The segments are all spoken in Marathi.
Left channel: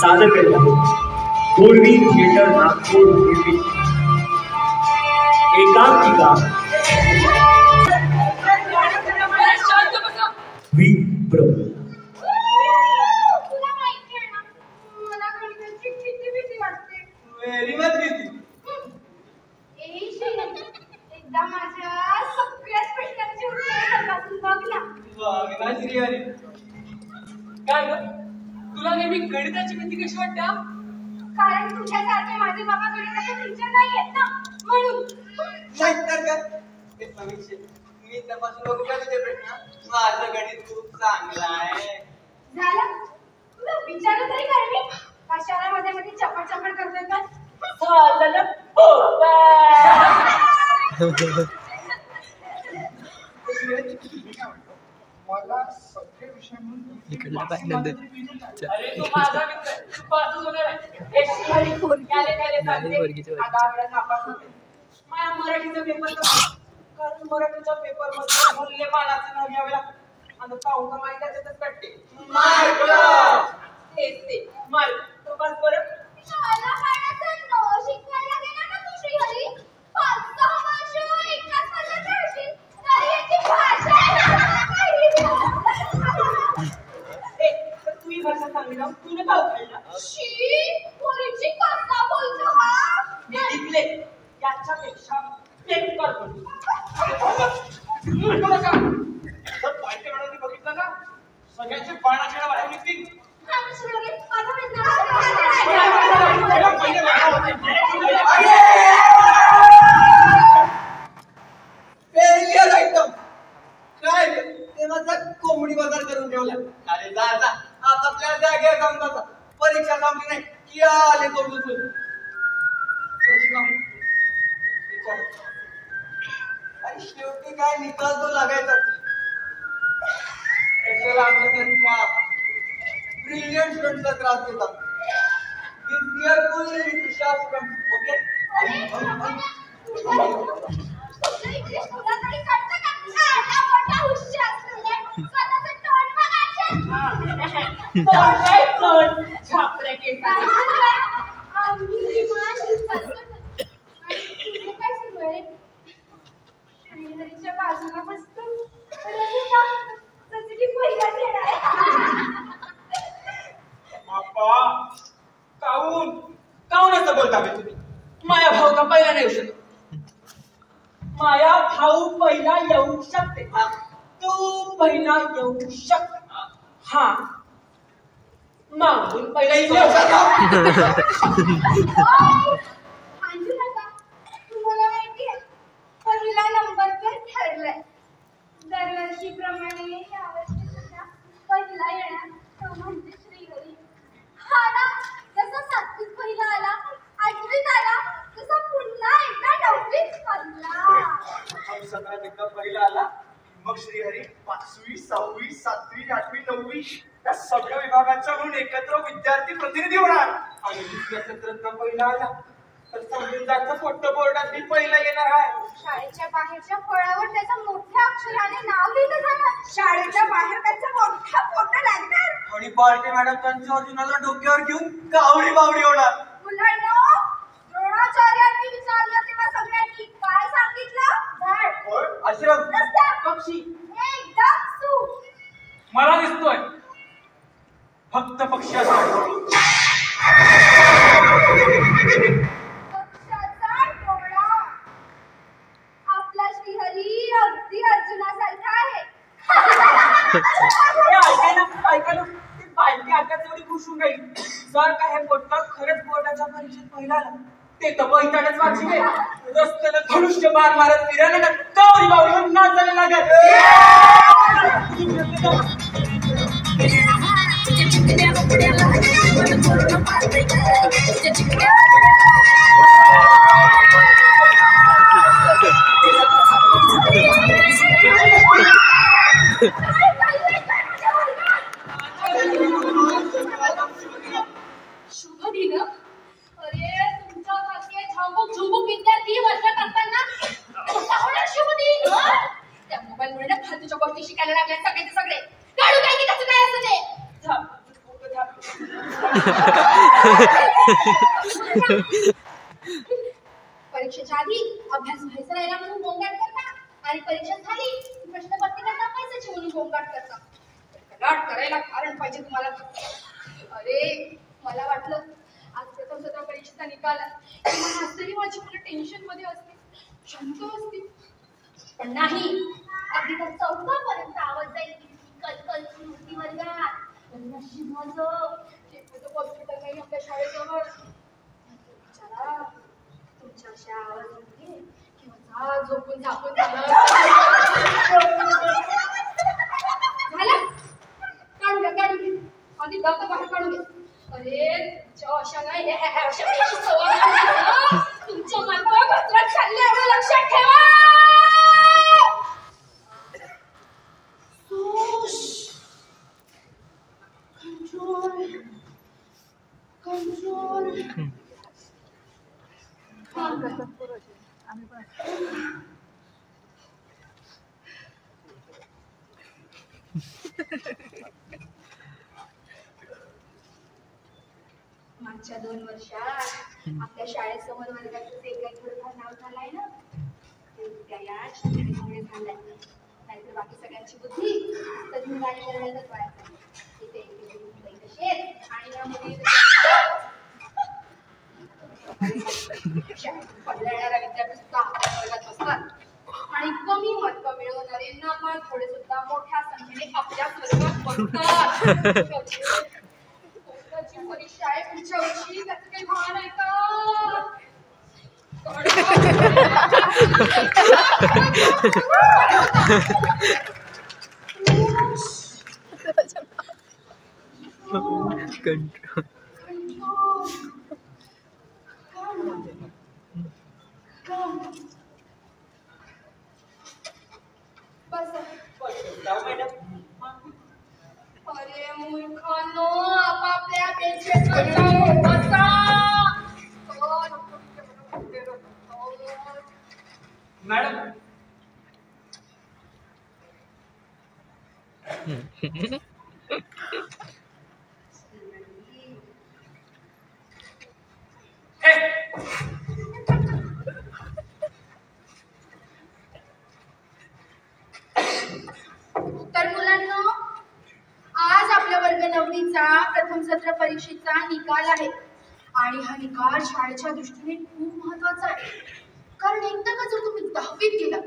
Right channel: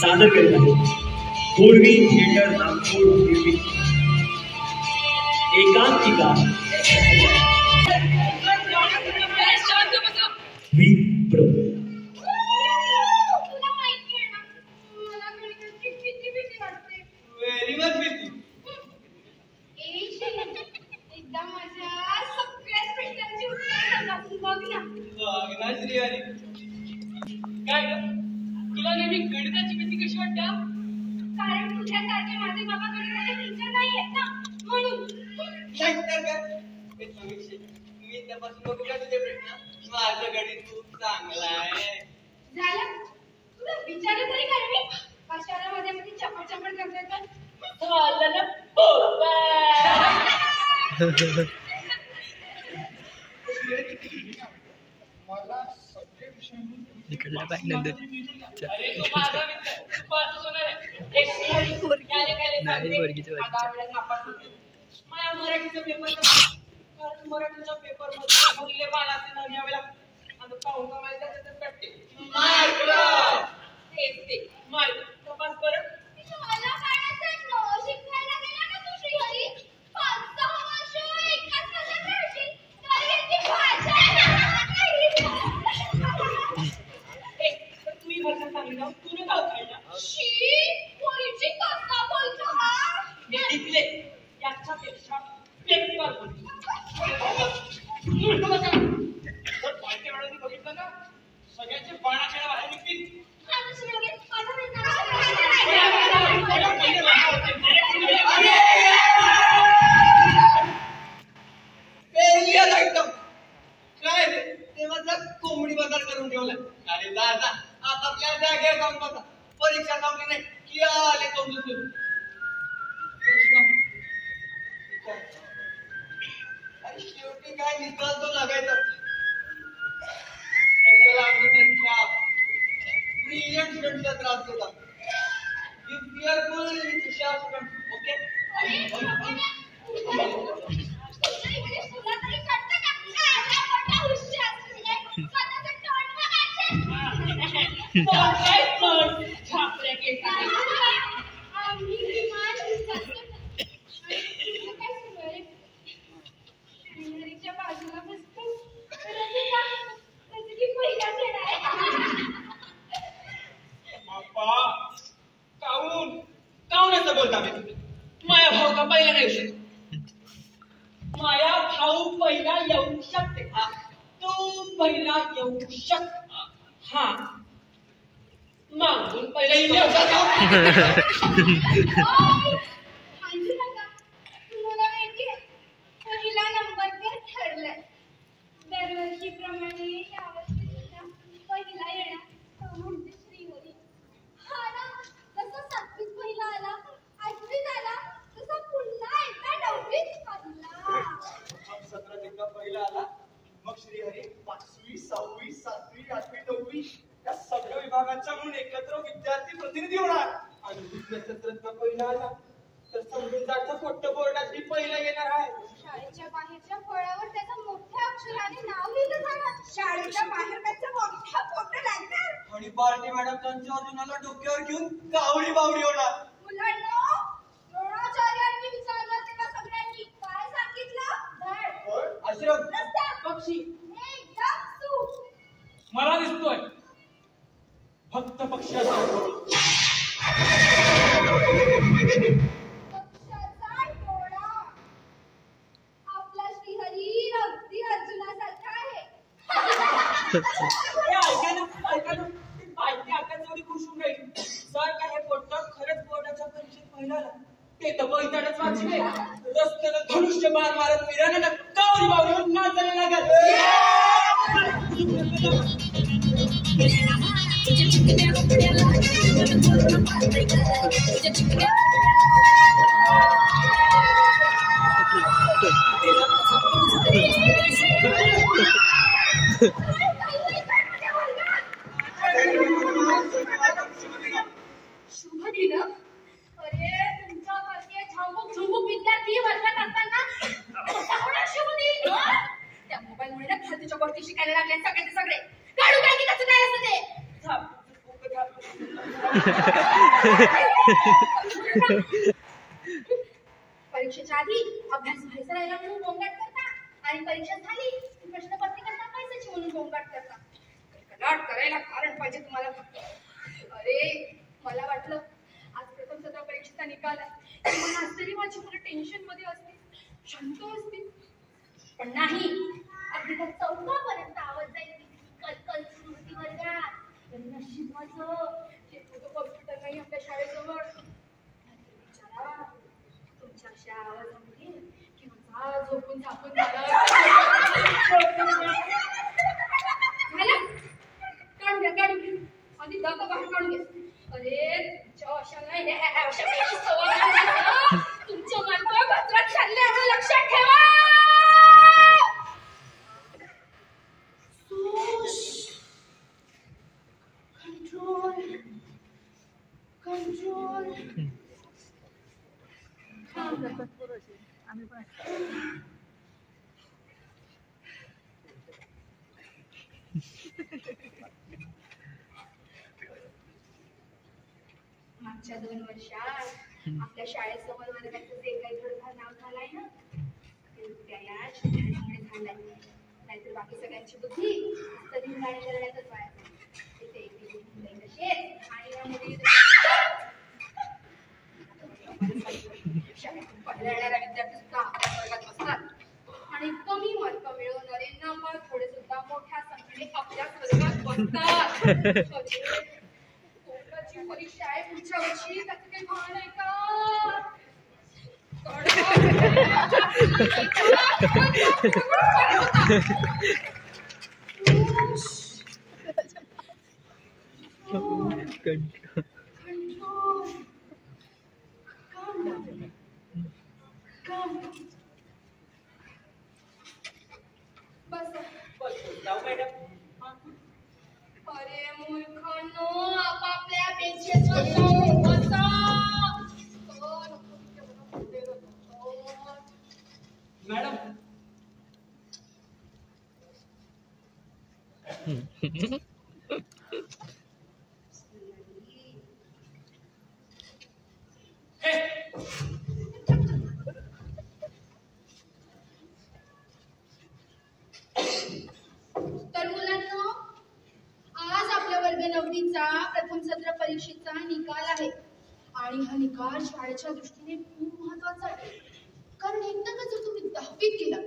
सादर करत आहे पूर्वी थिएटर नागपूर निर्मित एकांकिका विप्र. व्हेरी मच भीती. एकदा माझ्या सगळ्याच प्रश्नांची उत्तरे बघ ना श्रीहरी. काय ग तुला नेहमी गणिताची भीती कशी वाटते? कारण तुझ्यासारखे माझे बाबा गणिताचे टीचर नाही आहेत ना म्हणून. नाही तर काय ते समीक्षे मी तपासून बघू का तुझे प्रश्न? माझं गणित खूप चांगलं आहे. झालं तुला विचार तरी कर मी कशाला मध्ये मध्ये चपट चपट करतोय का? झालं ना मला सगळे विषय अरे तू माझा मित्र तू पासच होणार आहे. एक माझ्या मराठीचा पेपर कारण मराठीच्या पेपर मध्ये मूल्य मानाचे नाव घ्यावे लागतात आणि पाहून का माहिती आहे त्याच कट्टे मार्क तेच ते मार्क तो बस बरं. मला पाण्याचं नो शिकवायला गेला ना तू श्रीहरी 5-6 वर्ष एकाच वर्गात राहशील तरी याची भाषा तुम्ही भाषा चांगली ना तुला काय खायला शी पोरीची कसा बोलतो हा मी शिकले याच्यापेक्षा पेपर बोलतो. बघितलं का सगळ्यांचे बाणाच्या बाहेर निघतील. एकदम काय ते माझा कोंबडी बाजार करून ठेवला. अरे जा जा आपापल्या जागेवर जाऊन बसा. परीक्षा थांबली नाही की आले तोंड उचलून. आणि शेवटी काय निकाल तो लागायचा. ब्रिलियंट स्टुडंट्सला त्रास देतात. बी केअरफुल विथ हुशार स्टुडंट्स. ओके बाजूला बसतो काऊन असं बोलता तुम्ही? माया भाऊ का पहिला नाही येऊ शकत? माया भाऊ पहिला येऊ शकते. तू पहिला येऊ शकत. हा मागून पहिला येऊ तुम्हाला माहितीये पहिला नंबर तर ठरलाय. दरवर्षीप्रमाणे यावर्षी सुद्धा पहिला येणार तो म्हणजे श्रीहरी. हा ना जसा 7वीत पहिला आला 8वीत आला तसा पुन्हा एकदा 9वीत पडला. 17 एकदा पहिला आला मग श्रीहरी 5वी 6वी 7वी 8वी 9वी या सगळ्या विभागांचा म्हणून एकत्र विद्यार्थी प्रतिनिधी होणार. आणि दुसऱ्या सत्रात पहिला आला तर समजून फोटो बोर्डात मी पहिला येणार आहे. शाळेच्या बाहेरच्या फळावर त्याचा मोठ्या अक्षराने नाव लिहिलं जाणार. शाळेच्या बाहेर त्याचा मोठा फोटो लागणार. आणि पार्टी मॅडम त्यांच्या अर्जुनाला डोक्यावर घेऊन कावडी बावडी होणार. मुलांनो द्रोणाचार्यांनी विचारलं तेव्हा सगळ्यांनी काय सांगितलं? झाड आश्रम रस्ता पक्षी एकदम सू. मला दिसतोय फक्त पक्षी असतो. पक्षाचा डोळा. आपला श्रीहरी अगदी अर्जुनासारखा आहे. ऐकायला ती पालखी आता तेवढी खुश होऊन राहील. जर काय हे पोट्ट खरंच बोर्डाच्या परीक्षेत पहिला आला ते तर पैताडच वाचले. रस्त्याला धनुष्य बाण मारत फिरायला कावडी बावडी नाचायला लागत. शुभ दिन. अरे तुमच्यासारखे झांबूक झुंबूक विद्यार्थी वर्गात असताना शुभ दिन. त्या मोबाईलमुळे ना फालतूच्या गोष्टी शिकायला लागल्या सगळे काढू काय की त्याचं काय असं ते. परीक्षेच्या आधी अभ्यास व्हायचा राहिला म्हणून गोंगाट करता आणि परीक्षा झाली की प्रश्नपत्रिका टाकायची म्हणून गोंगाट करता. गलाट करायला कारण पाहिजे तुम्हाला. अरे मला वाटलं आज प्रथम सत्र परीक्षेचा निकाल मला तरी माझी मुलं टेन्शन मध्ये असते, शांत असते, पण नाही. अगदी तर 4th पर्यंत आवाज जाईल कलकल स्मृती वर्गात. नशीब माझं हॉस्पिटल नाही आपल्या शाळेजवळ. बिचारा तुमच्या अशा आवाज होते किंवा झोपून झापून झालं काढून घ्या काढून घ्या आधी दप्तर बाहेर काढून घ्या. अरे तुमच्या अशा नाही तुमच्या मालका घसरत चालले लक्षात ठेवा. कंट्रोल मागच्या 2 वर्षात आपल्या शाळेसमोर वर्गाचं जे काही थोडंफार नाव झालंय ना ते त्या शाळेमुळे झालंय. नाहीतर बाकी सगळ्यांची बुद्धी तरी गाणी करण्यातच वाया तिथे आणि त्यामुळे पहिल्या येणाऱ्या विद्यार्थी सुद्धा वर्गात बसतात आणि कमी मार्क मिळवणारे नापास थोडे सुद्धा मोठ्या संख्येने आपल्या वर्गात बसतात. परीक्षा आहे पुढच्या वर्षी त्याचं काही भान आहे का? अरे मूर्खांनो आपापल्या बेंचेसवर जाऊन बसा. मॅडम तर मुलांनो आज आपल्या वर्ग 9वीचा प्रथम सत्र परीक्षेचा निकाल आहे आणि हा निकाल शाळेच्या दृष्टीने खूप महत्वाचा आहे. कारण एकदा का जर तुम्ही 10वीत गेलात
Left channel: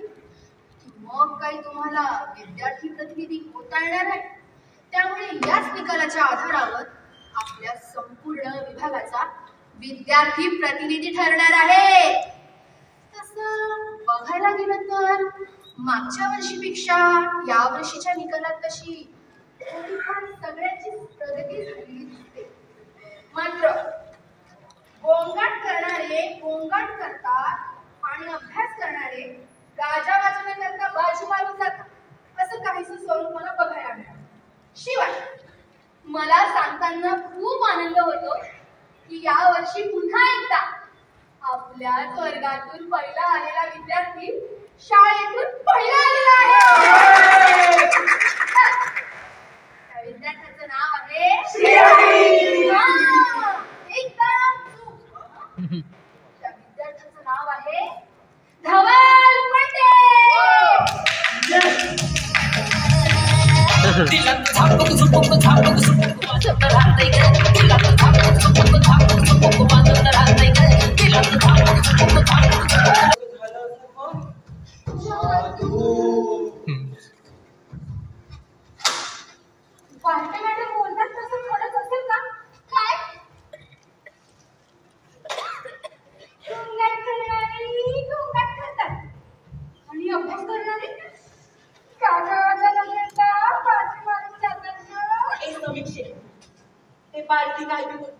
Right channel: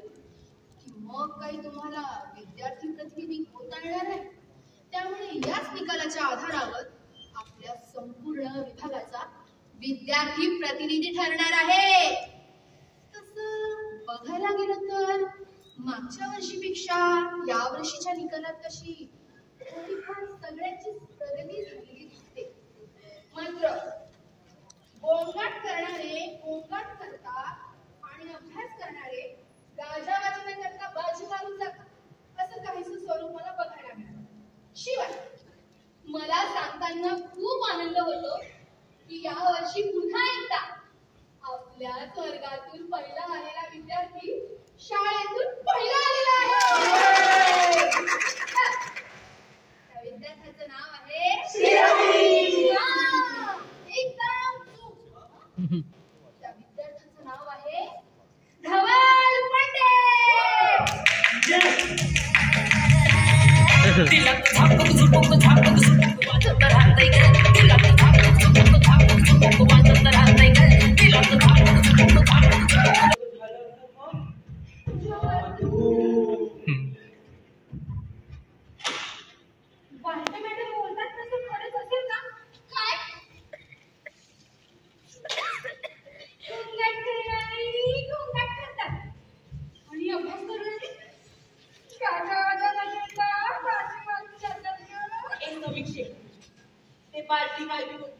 की मग काही तुम्हाला विद्यार्थी प्रतिनिधी होता येणार आहे. त्यामुळे याच निकालाच्या आधारावर आपल्या संपूर्ण विभागाचा विद्यार्थी प्रतिनिधी ठरणार आहे. तसं बघायला गेलं तर मागच्या वर्षीपेक्षा या वर्षीच्या निकालात तशी थोडीफार सगळ्याची प्रगती झालेली दिसते. मात्र गोंगाट करणारे गोंगाट करतात आणि अभ्यास करणारे गाजा वाजवण्याकरता बाजी मारून जातात असं काहीसं स्वरूप मला बघायला मिळालं. शिवाय मला सांगताना खूप आनंद होतो की या वर्षी पुन्हा एकदा आपल्याच वर्गातून पहिला आलेला विद्यार्थी शाळेतून पहिला आलेला आहे. त्या विद्यार्थ्याचं नाव आहे श्रीहरी. एकदम चूक. त्या विद्यार्थ्याचं नाव आहे धवल पांडे. वाटते मॅडम बोलतात तसं खरंच असेल का? काय गोंगाट करणारी गोंगाट करतात आणि अभ्यास करणारी गाजावाजा नगरला बाजी मारून जातात. हे समीक्षे ते बालकी काय बी बोलते.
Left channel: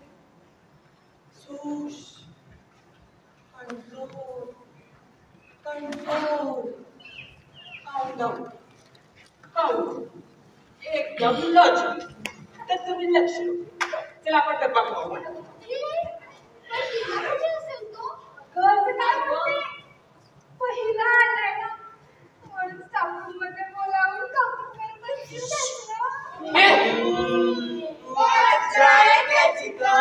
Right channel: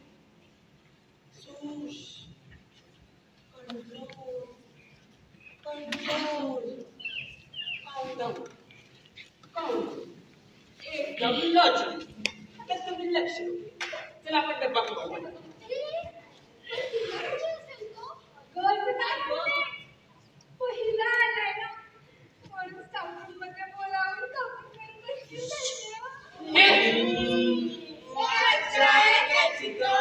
सूश कंट्रोल कंट्रोल काउंट काउंट एकदम लॉजिक. तर तुम्ही लक्ष चला आपण डब्बा खाऊ. पहिला आलाय ना म्हणून स्टाफरूम मध्ये बोलावून कॉम्प्युटर बसली. वाचाय त्याची का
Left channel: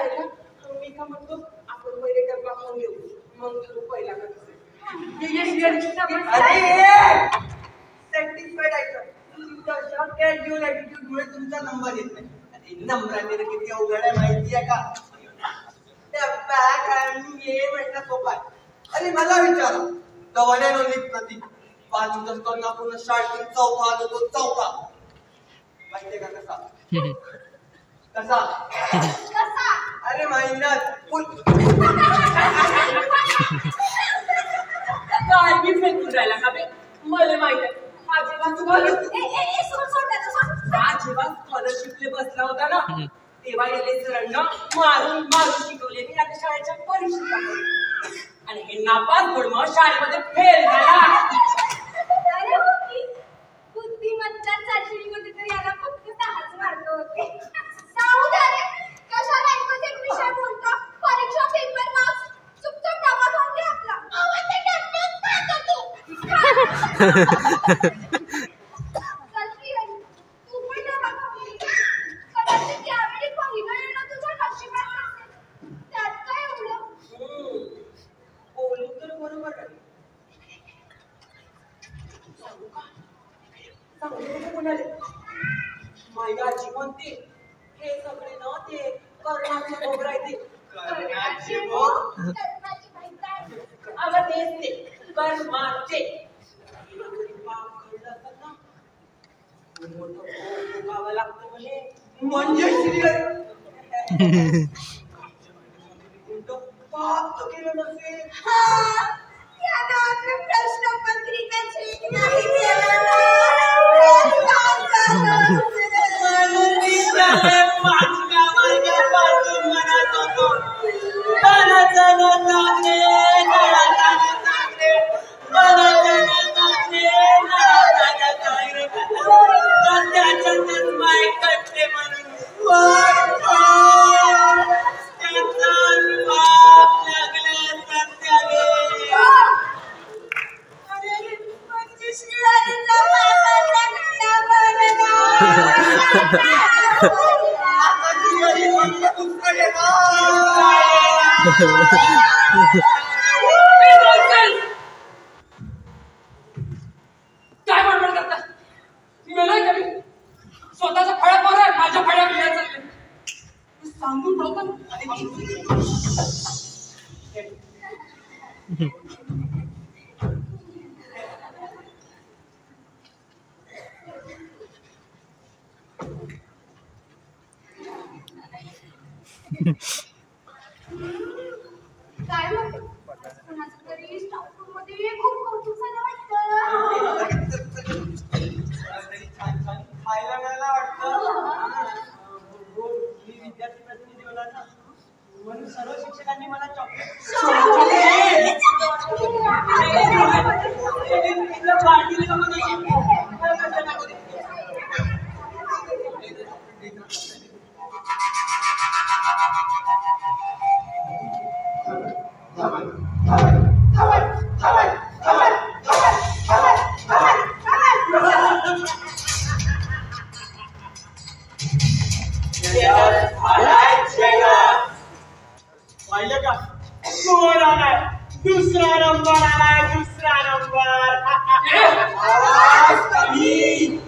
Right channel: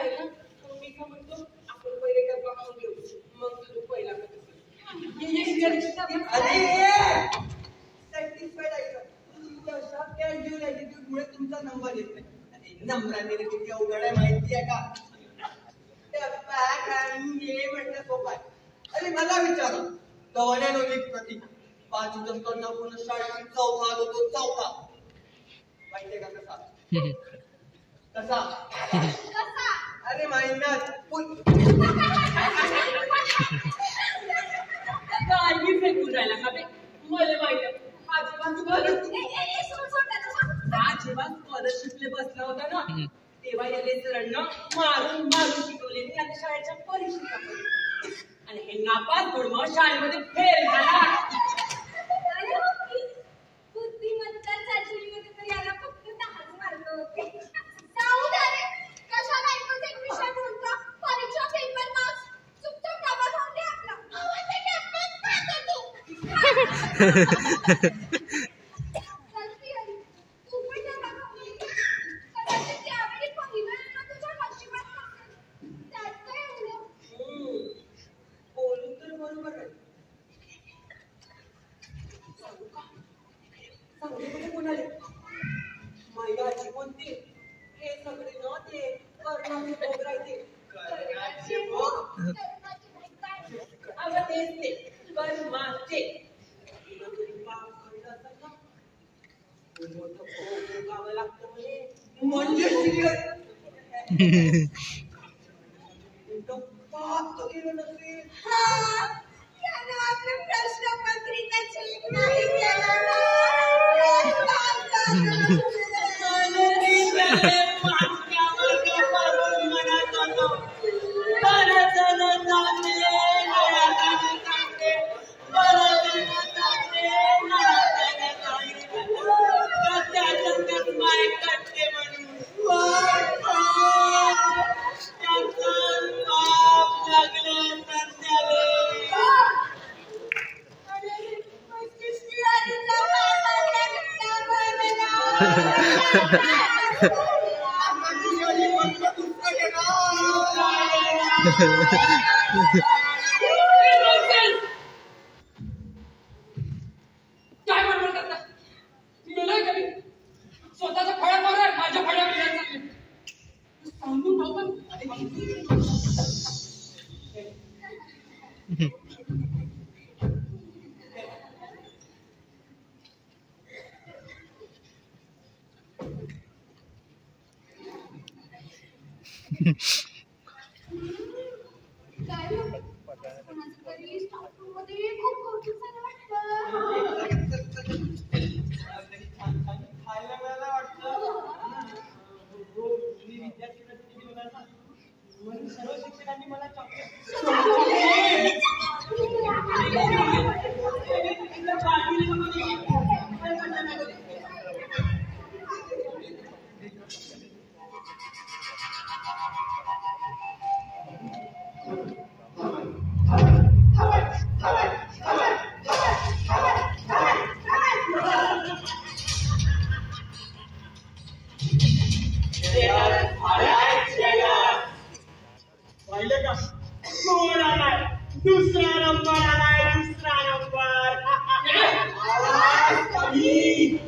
आहे ना मी का म्हणतो आपण पहिले डब्बा खाऊन घेऊ मग तू पहिला सॅटिस्फाईड आहे तुमच्या कॅज्युअल ऍटिट्यूड मुळे तुमचा नंबर येत नाही. नंबराने किती अवघड आहे माहिती आहे का? डब्बा खाऊन घे म्हटलं सोपा आहे. अरे मला विचारा द वन अँड ओनली प्रतीक 5 असताना आपण शाळेतून चौथा आलो तो चौथा माहितीये का कसा कसा अरे महिन्यात काय मी फेकून राहिला का बे मला माहित आहे जेव्हा स्कॉलरशिपले बसला होता ना तेव्हा याने सरांना मारून मारून शिकवले मी आता शाळेच्या परीक्षेत आणि हे नापास घडमं शाळेमध्ये फेल झाला. अरे हो की बुद्धिमत्ता चाचणीमध्ये तर याला फक्त 10च मार्क होते. जाऊ दे रे कशाला एकच एक विषय बोलतो परीक्षा पेपर मार्क्स चुपचाप डबा खाऊन घे आपला आवाज कॅम्पस पाहतो तू माझ्या आजी म्हणते हे सगळे ना ते कर्णाचे भोग राहते अगं तेच ते कर्माचे भोगावं लागतं म्हणजे पाप तर केलं नसेल. काय बडबड करता मेलोय का मी स्वतःचा फळा पार आहे माझ्या फळ्या मिळायला चालले सांगून ठेवतो काय म्हणते कोणाचं तरी स्टाफ रूम मध्ये खूप कौतुक झालं वाटतं. छान छान खायला मिळायला वाटतं. मी विद्यार्थी प्रतिनिधी होणार ना म्हणून सर्व शिक्षकांनी मला पाहिलं का कोण आलाय दुसरा नंबर आलाय दुसरा नंबर आवाज कमी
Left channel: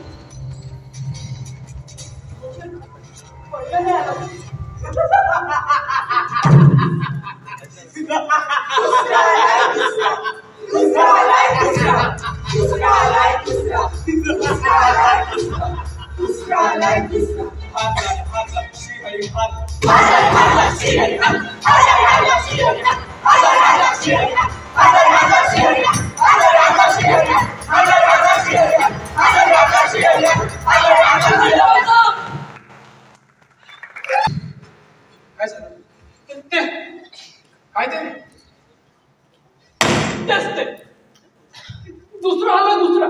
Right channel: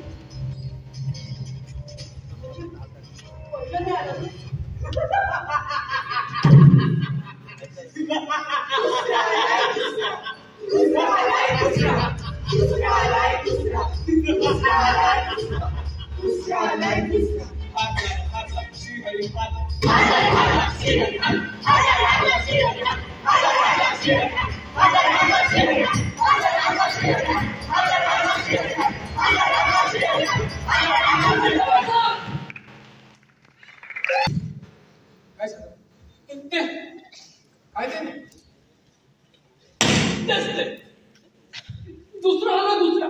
दुसरा आला दुसरा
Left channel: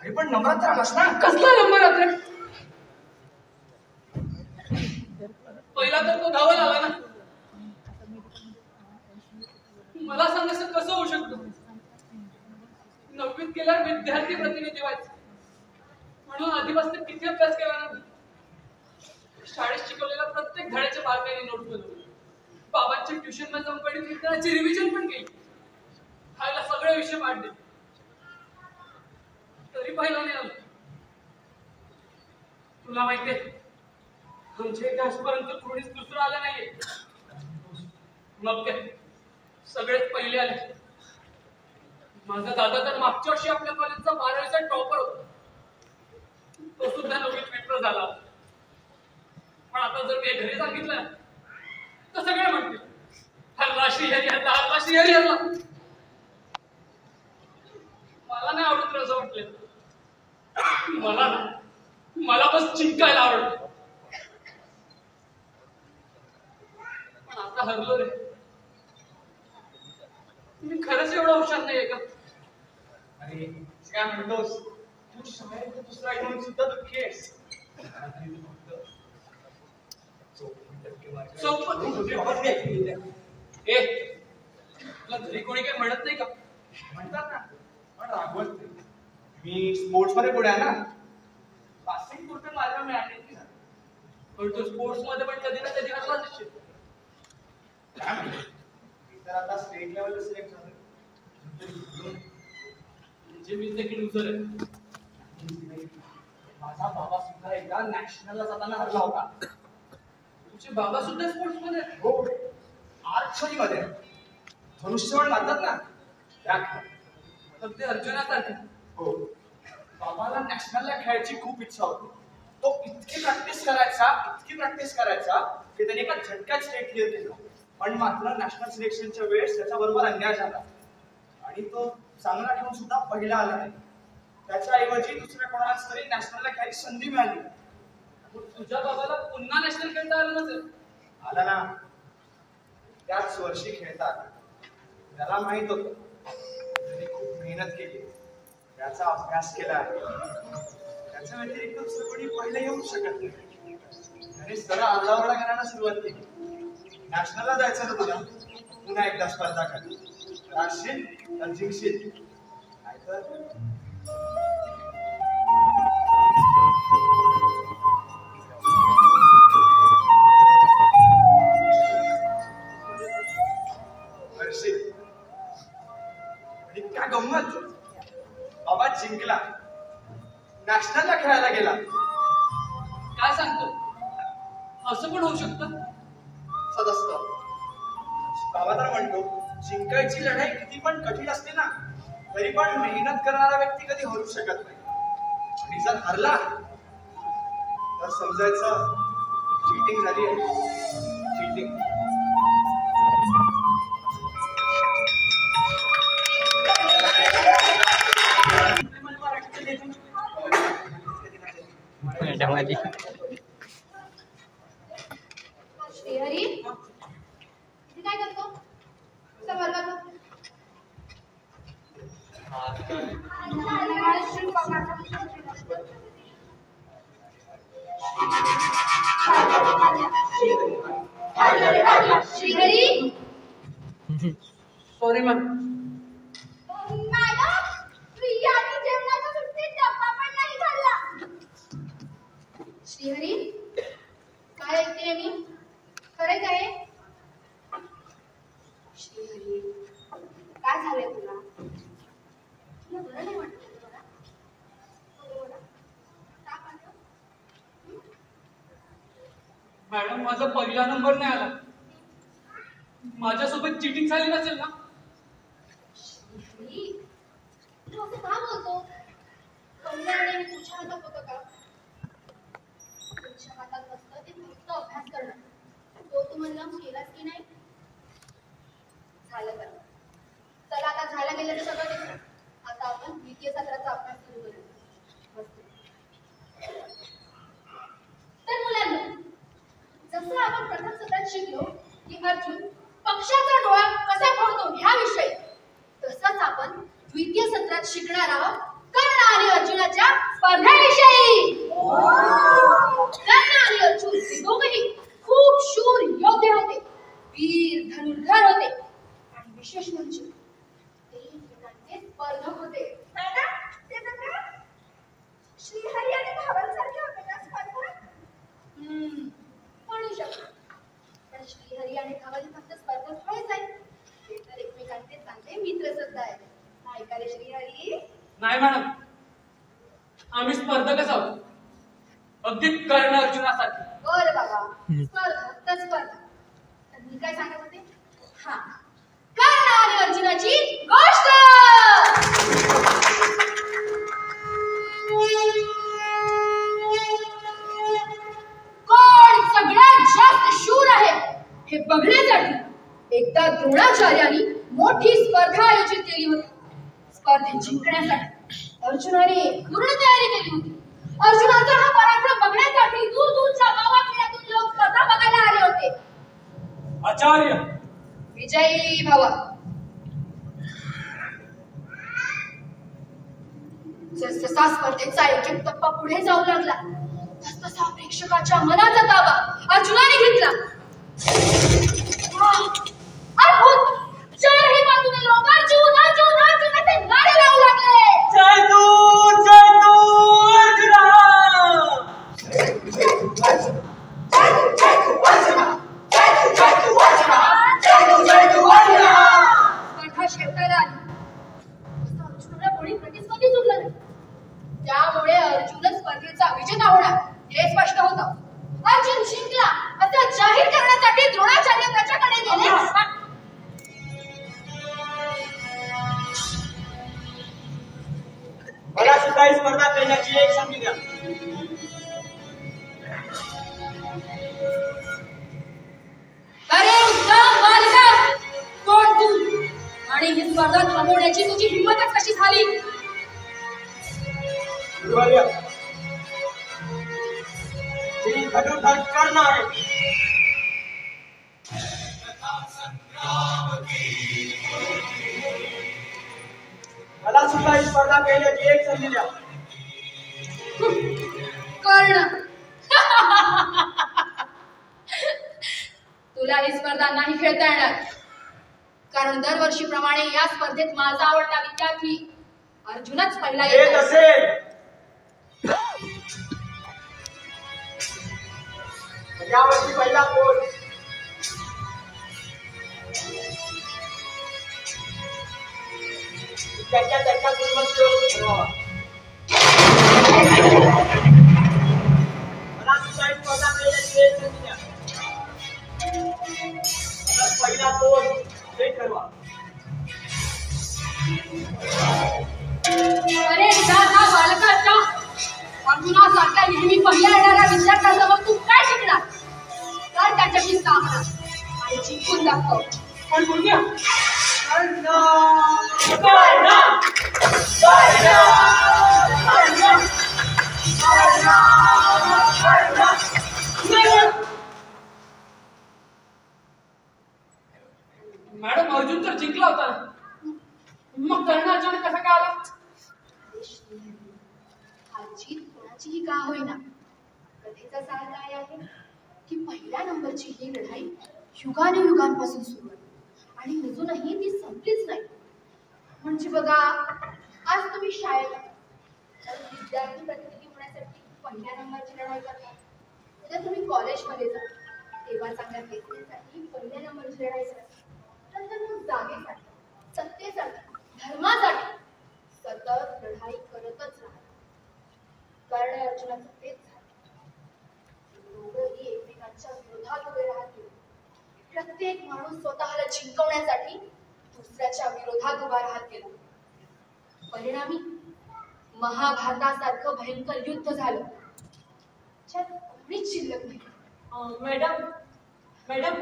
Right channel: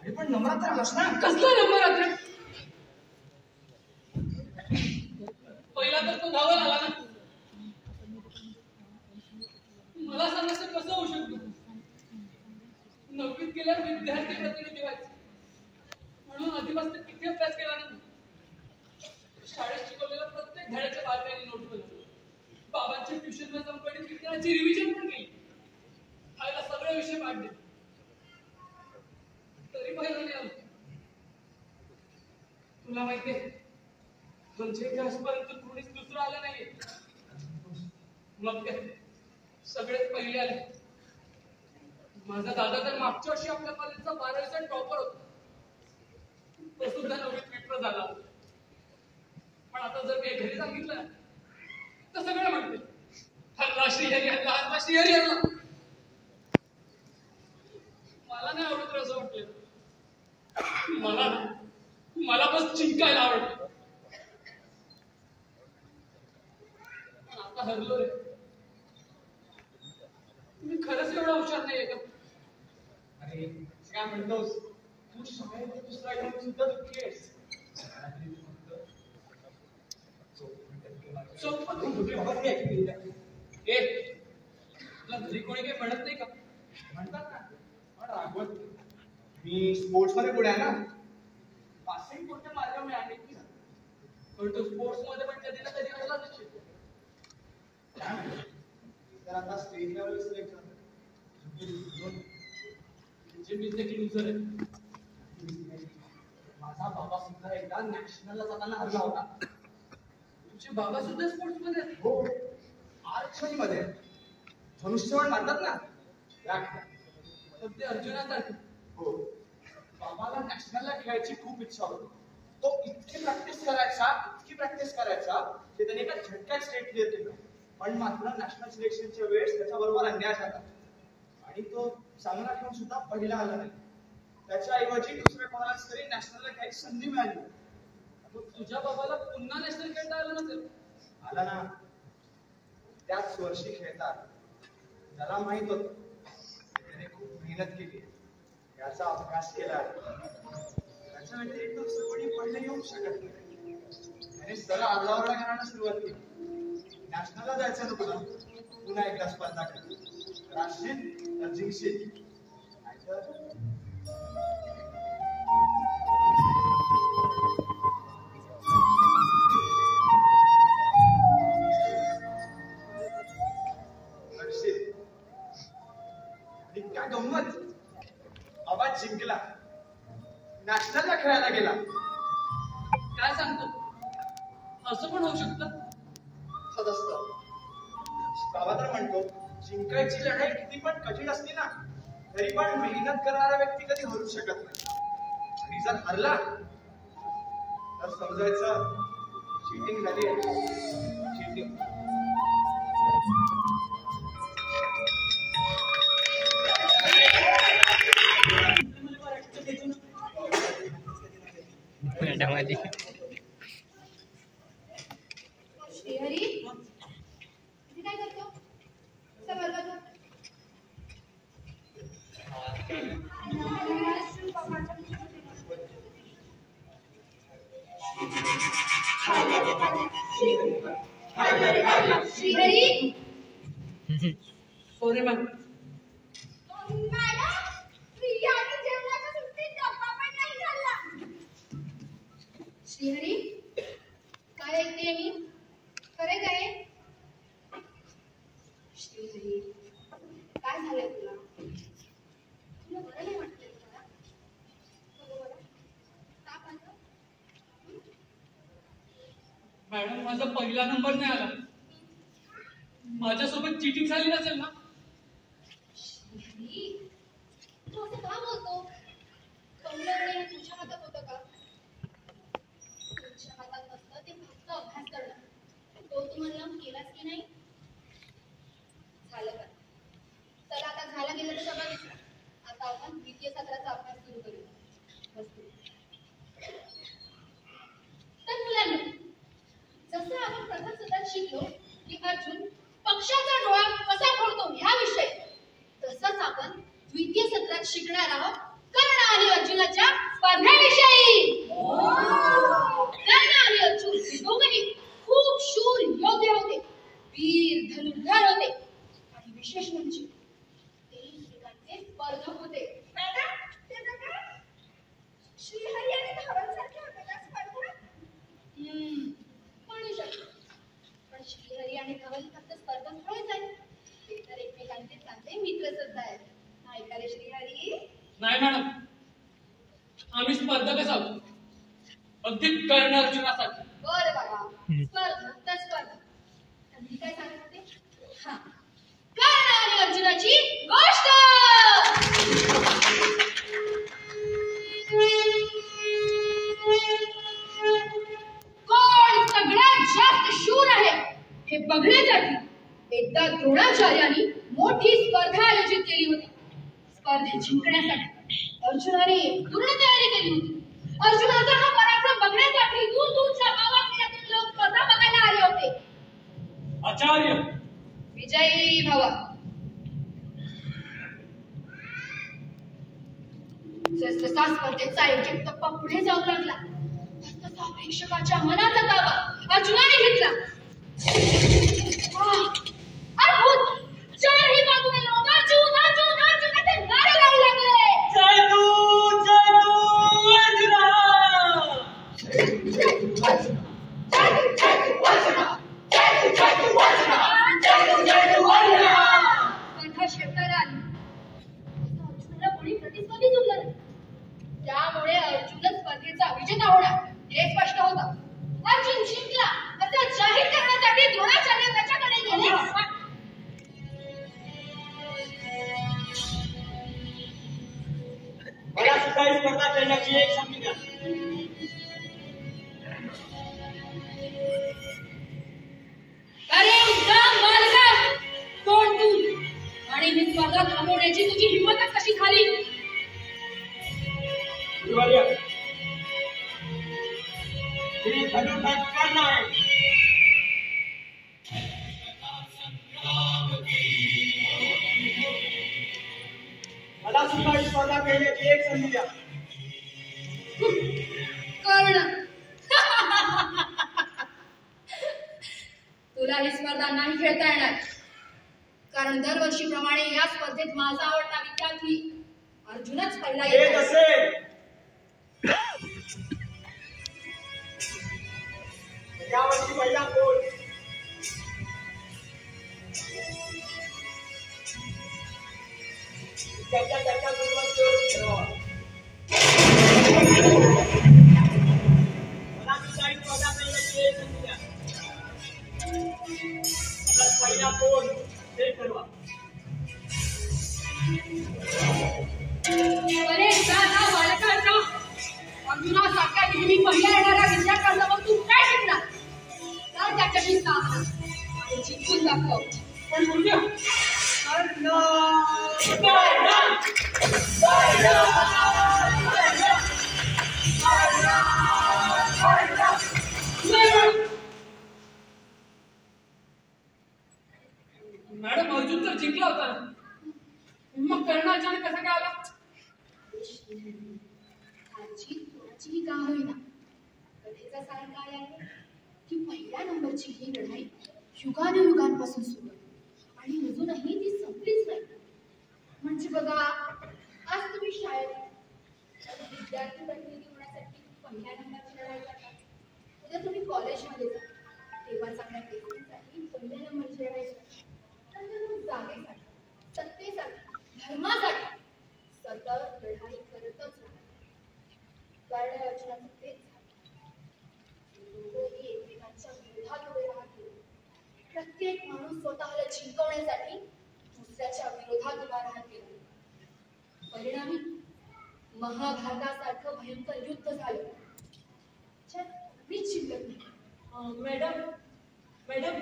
अरे पण नंबरात तर आलास ना कसला नंबर आता पहिला तर तो धावत आला ना मला सांग असं कसं होऊ शकतं 9वीत गेल्यावर विद्यार्थी प्रतिनिधी व्हायचं म्हणून आधीपासून किती अभ्यास केला ना शाळेत शिकवलेला प्रत्येक धड्याच्या बारकाईने नोट बनवली गावाच्या ट्युशनला जाऊन गणित विज्ञानाची रिव्हिजन पण केली. खायला सगळे विषय पाडले, तरी पहिला नाही आलो. तुला माहितीये, आमच्या इथे आजपर्यंत कोणीच दुसरं आलं नाहीये. मग काय, सगळेच पहिले आले. माझा दादा तर मागच्या वर्षी आपल्या कॉलेजचा 12वीचा टॉपर होता. तो सुद्धा 9वीत पेपर झाला. पण आता जर मी घरी सांगितलं तर सगळे म्हणतील, हल्ला श्रीहरी हल्ला, हल्ला श्रीहरी हल्ला. मला नाही आवडत असं म्हटलं. मला बस चिंकायला आवडत. पण आता हरलो रे. तुम्ही खरंच एवढा हुशार नाहीये का? अरे काय म्हणतोस तू? शाळेत दुसरा येऊन सुद्धा दुःखी आहेस. तुला घरी कोणी काही म्हणत नाही का? म्हणतात ना, पण रागवत नाही. मी स्पोर्ट्स मध्ये पुढे आहे ना, पासिंग पुरते मार्क मिळाले की झालं. पण तू स्पोर्ट्स मध्ये पण कधी ना कधी हरला दिसशील. मी तर आता स्टेट लेवलला सिलेक्ट झालो. म्हणजे मी देखील लुझर आहे. माझा बाबा सुद्धा एकदा नॅशनलला जाताना हरला होता. तुझे बाबा सुद्धा स्पोर्ट्स मध्ये आहेत? हो, आर्चरी मध्ये धनुष्यबाण मारतात ना त्या खेळात. तर ते अर्जुनासारखे. हो, बाबाला नॅशनलला खेळायची खूप इच्छा होती. तो इतकी प्रॅक्टिस करायचा की त्याने एका झटक्यात स्टेट क्लिअर केलं. पण मात्र नॅशनल सिलेक्शनच्या वेळेस त्याच्याबरोबर अन्याय झाला आणि तो चांगला खेळून सुद्धा पहिला आला नाही. त्याच्याऐवजी दुसऱ्या कोणाला तरी नॅशनलला खेळायची संधी मिळाली. तुझ्या बाबाला पुन्हा नॅशनल खेळता आलं नसेल? आला ना, त्याच वर्षी खेळतात. त्याला माहित होतं त्याने खूप मेहनत केली, त्याचा अभ्यास केला. त्याच्या व्यतिरिक्त दुसरं कोणी पहिलं येऊ शकत नाही. त्याने सरळ आरडाओरडा करायला सुरुवात केली. नॅशनलला जायचं ना तुला, पुन्हा एकदा स्पर्धा कर. राहशील तर जिंकशील, नाहीतर काय गंमत. बाबा जिंकला, नॅशनलला खेळायला गेला. काय सांगतो? असं पण होऊ शकतं? असंच असतं. बाबा तर म्हणतो, जिंकायची लढाई किती पण कठीण असते ना, तरी पण मेहनत करणारा व्यक्ती कधी हरू शकत नाही. आणि जर हरला तर समजायचं चीटिंग झाली आहे. चीटिंग. श्रीहरी, तू काय करतो? कसं बरं करतो? Shrihari, sorry ma'am. मॅडम, प्रियाने जेवणाच्या सुट्टीत डब्बा पण नाही खाल्ला. श्रीहरी, काय ऐकतेय मी? खरे काय? श्रीहरी, काय झालंय तुला? तुला बरं नाही वाटतंय तुला? बरोबर ना? का म्हणतो? मॅडम, माझा पहिला नंबर नाही आला. माझ्यासोबत चिटिंग झाली नसेल ना? श्रीहरी, तू असं का बोलतो? कल्याण तुझ्या हातात होतं का? तुझ्या हातात नसतं, ते फक्त अभ्यास करणं. तो तू म्हणलं केलास की नाही? झालं बरं. चला आता झालं गेलं तर सगळं विसर. आता आपण द्वितीय सत्राचा अभ्यास सुरू करूया. तर मुलांनो, जसं आपण प्रथम सत्रात शिकलो की अर्जुन पक्षाचा डोळा कसा फोडतो ह्याविषयी, तसंच आपण द्वितीय सत्रात शिकणार आहोत कर्ण आणि अर्जुनाच्या स्पर्धेविषयी. कर्ण आणि अर्जुन हे दोघंही खूप शूर योद्धे होते, वीर धनुर्धर होते आणि विशेष म्हणजे ते एकमेकांचे स्पर्धक होते. श्रीहरी आणि धावनसारखे होते का स्पर्धक? म्हणू शकतो. पण श्रीहरी आणि धवल फक्त स्पर्धक श्रीहरी नाही मॅडम, आम्ही स्पर्धकच आहोत, अगदी कर्ण अर्जुनासाठी. बर बाबा, स्पर्धा तर स्पर्धा. तर मी काय सांगत होते? हा, कर्ण आणि अर्जुनाची गोष्ट. कोण सगळ्यात जास्त शूर आहे हे बघण्यासाठी एकदा द्रोणाचार्यांनी मोठी स्पर्धा आयोजित केली होती. स्पर्धेत जिंकण्यासाठी अर्जुनाने पूर्ण तयारी केली होती. अर्जुनाचा हा पराक्रम बघण्यासाठी दूर दूरच्या गावाखेड्यातून लोक स्पर्धा बघायला आले होते. आचार्य विजयी भव. जसजसा स्पर्धेचा एक एक टप्पा पुढे जाऊ लागला तसतसा प्रेक्षकाच्या मनाचा ताबा अर्जुनाने घेतला. अद्भुत! चारही बाजूने लोक अर्जुन अर्जुन अर्जुन असे नारे लावू लागले. जय तू अर्जुना. स्पर्धा शेवटायला आली. अर्जुनाला कोणी प्रतिस्पर्धी जुळलं नाही. त्यामुळे अर्जुनच स्पर्धेचा विजेता होणार हे स्पष्ट होतं. अर्जुन जिंकला असं जाहीर करण्यासाठी द्रोणाचार्य त्याच्याकडे गेले. मला सुद्धा ही स्पर्धा खेळण्याची एक संधी द्या. अरे मालका, कोण तू आणि ही स्पर्धा थांबवण्याची तुझी हिंमतच कशी झाली? गुरुवर्य, ही धनुर्धर कर्ण आहे. मला सुद्धा ही स्पर्धा खेळण्याची एक संधी द्या. कर्ण. तुला ही स्पर्धा नाही खेळता येणार, कारण दरवर्षीप्रमाणे या स्पर्धेत माझा आवडता विद्यार्थी अर्जुनच पहिला हे येतो. तसे यावर्षी पहिला कोण? त्याच्या पूर्वज ठरवा. मला सुद्धा ही स्पर्धा खेळण्याची एक संधी द्या. तर पहिला कोण हे ठरवा. अरे दादा बालकाचा, अर्जुनासारख्या नेहमी पहिला येणाऱ्या विद्यार्थ्यांसमोर तू काय शिकणार? तर त्याच्याशी सामना आणि जिंकून दाखव. पण गुरुदेव, मॅडम अर्जुन तर जिंकला होता, मग कर्ण अचानक कसा काय आला? आजची कोणाचीही का होईना, कथेचा सार काय आहे की पहिल्या नंबरची ही लढाई युगानुयुगांपासून सुरू आहे आणि अजूनही ती संपलीच नाही. म्हणजे बघा, आज तुम्ही शाळेत विद्यार्थी प्रतिनिधी होण्यासाठी पहिल्या नंबरची लढाई करता. उद्या तुम्ही कॉलेजमध्ये जा तेव्हा चांगल्या पेपरसाठी पहिल्या नंबरची लढाई करता. नंतर मग जागेसाठी, सत्तेसाठी, धर्मासाठी सतत लढाई करतच राहा. कारण अर्जुनाचं तेच झालं. दोघंही एकमेकांच्या विरोधात उभे राहतील. प्रत्येक माणूस स्वतःला जिंकवण्यासाठी दुसऱ्याच्या विरोधात उभा राहत गेला. परिणामी महाभारतासारखं भयंकर युद्ध झालं, ज्यात कोणीच शिल्लक नाही. मॅडम मॅडम,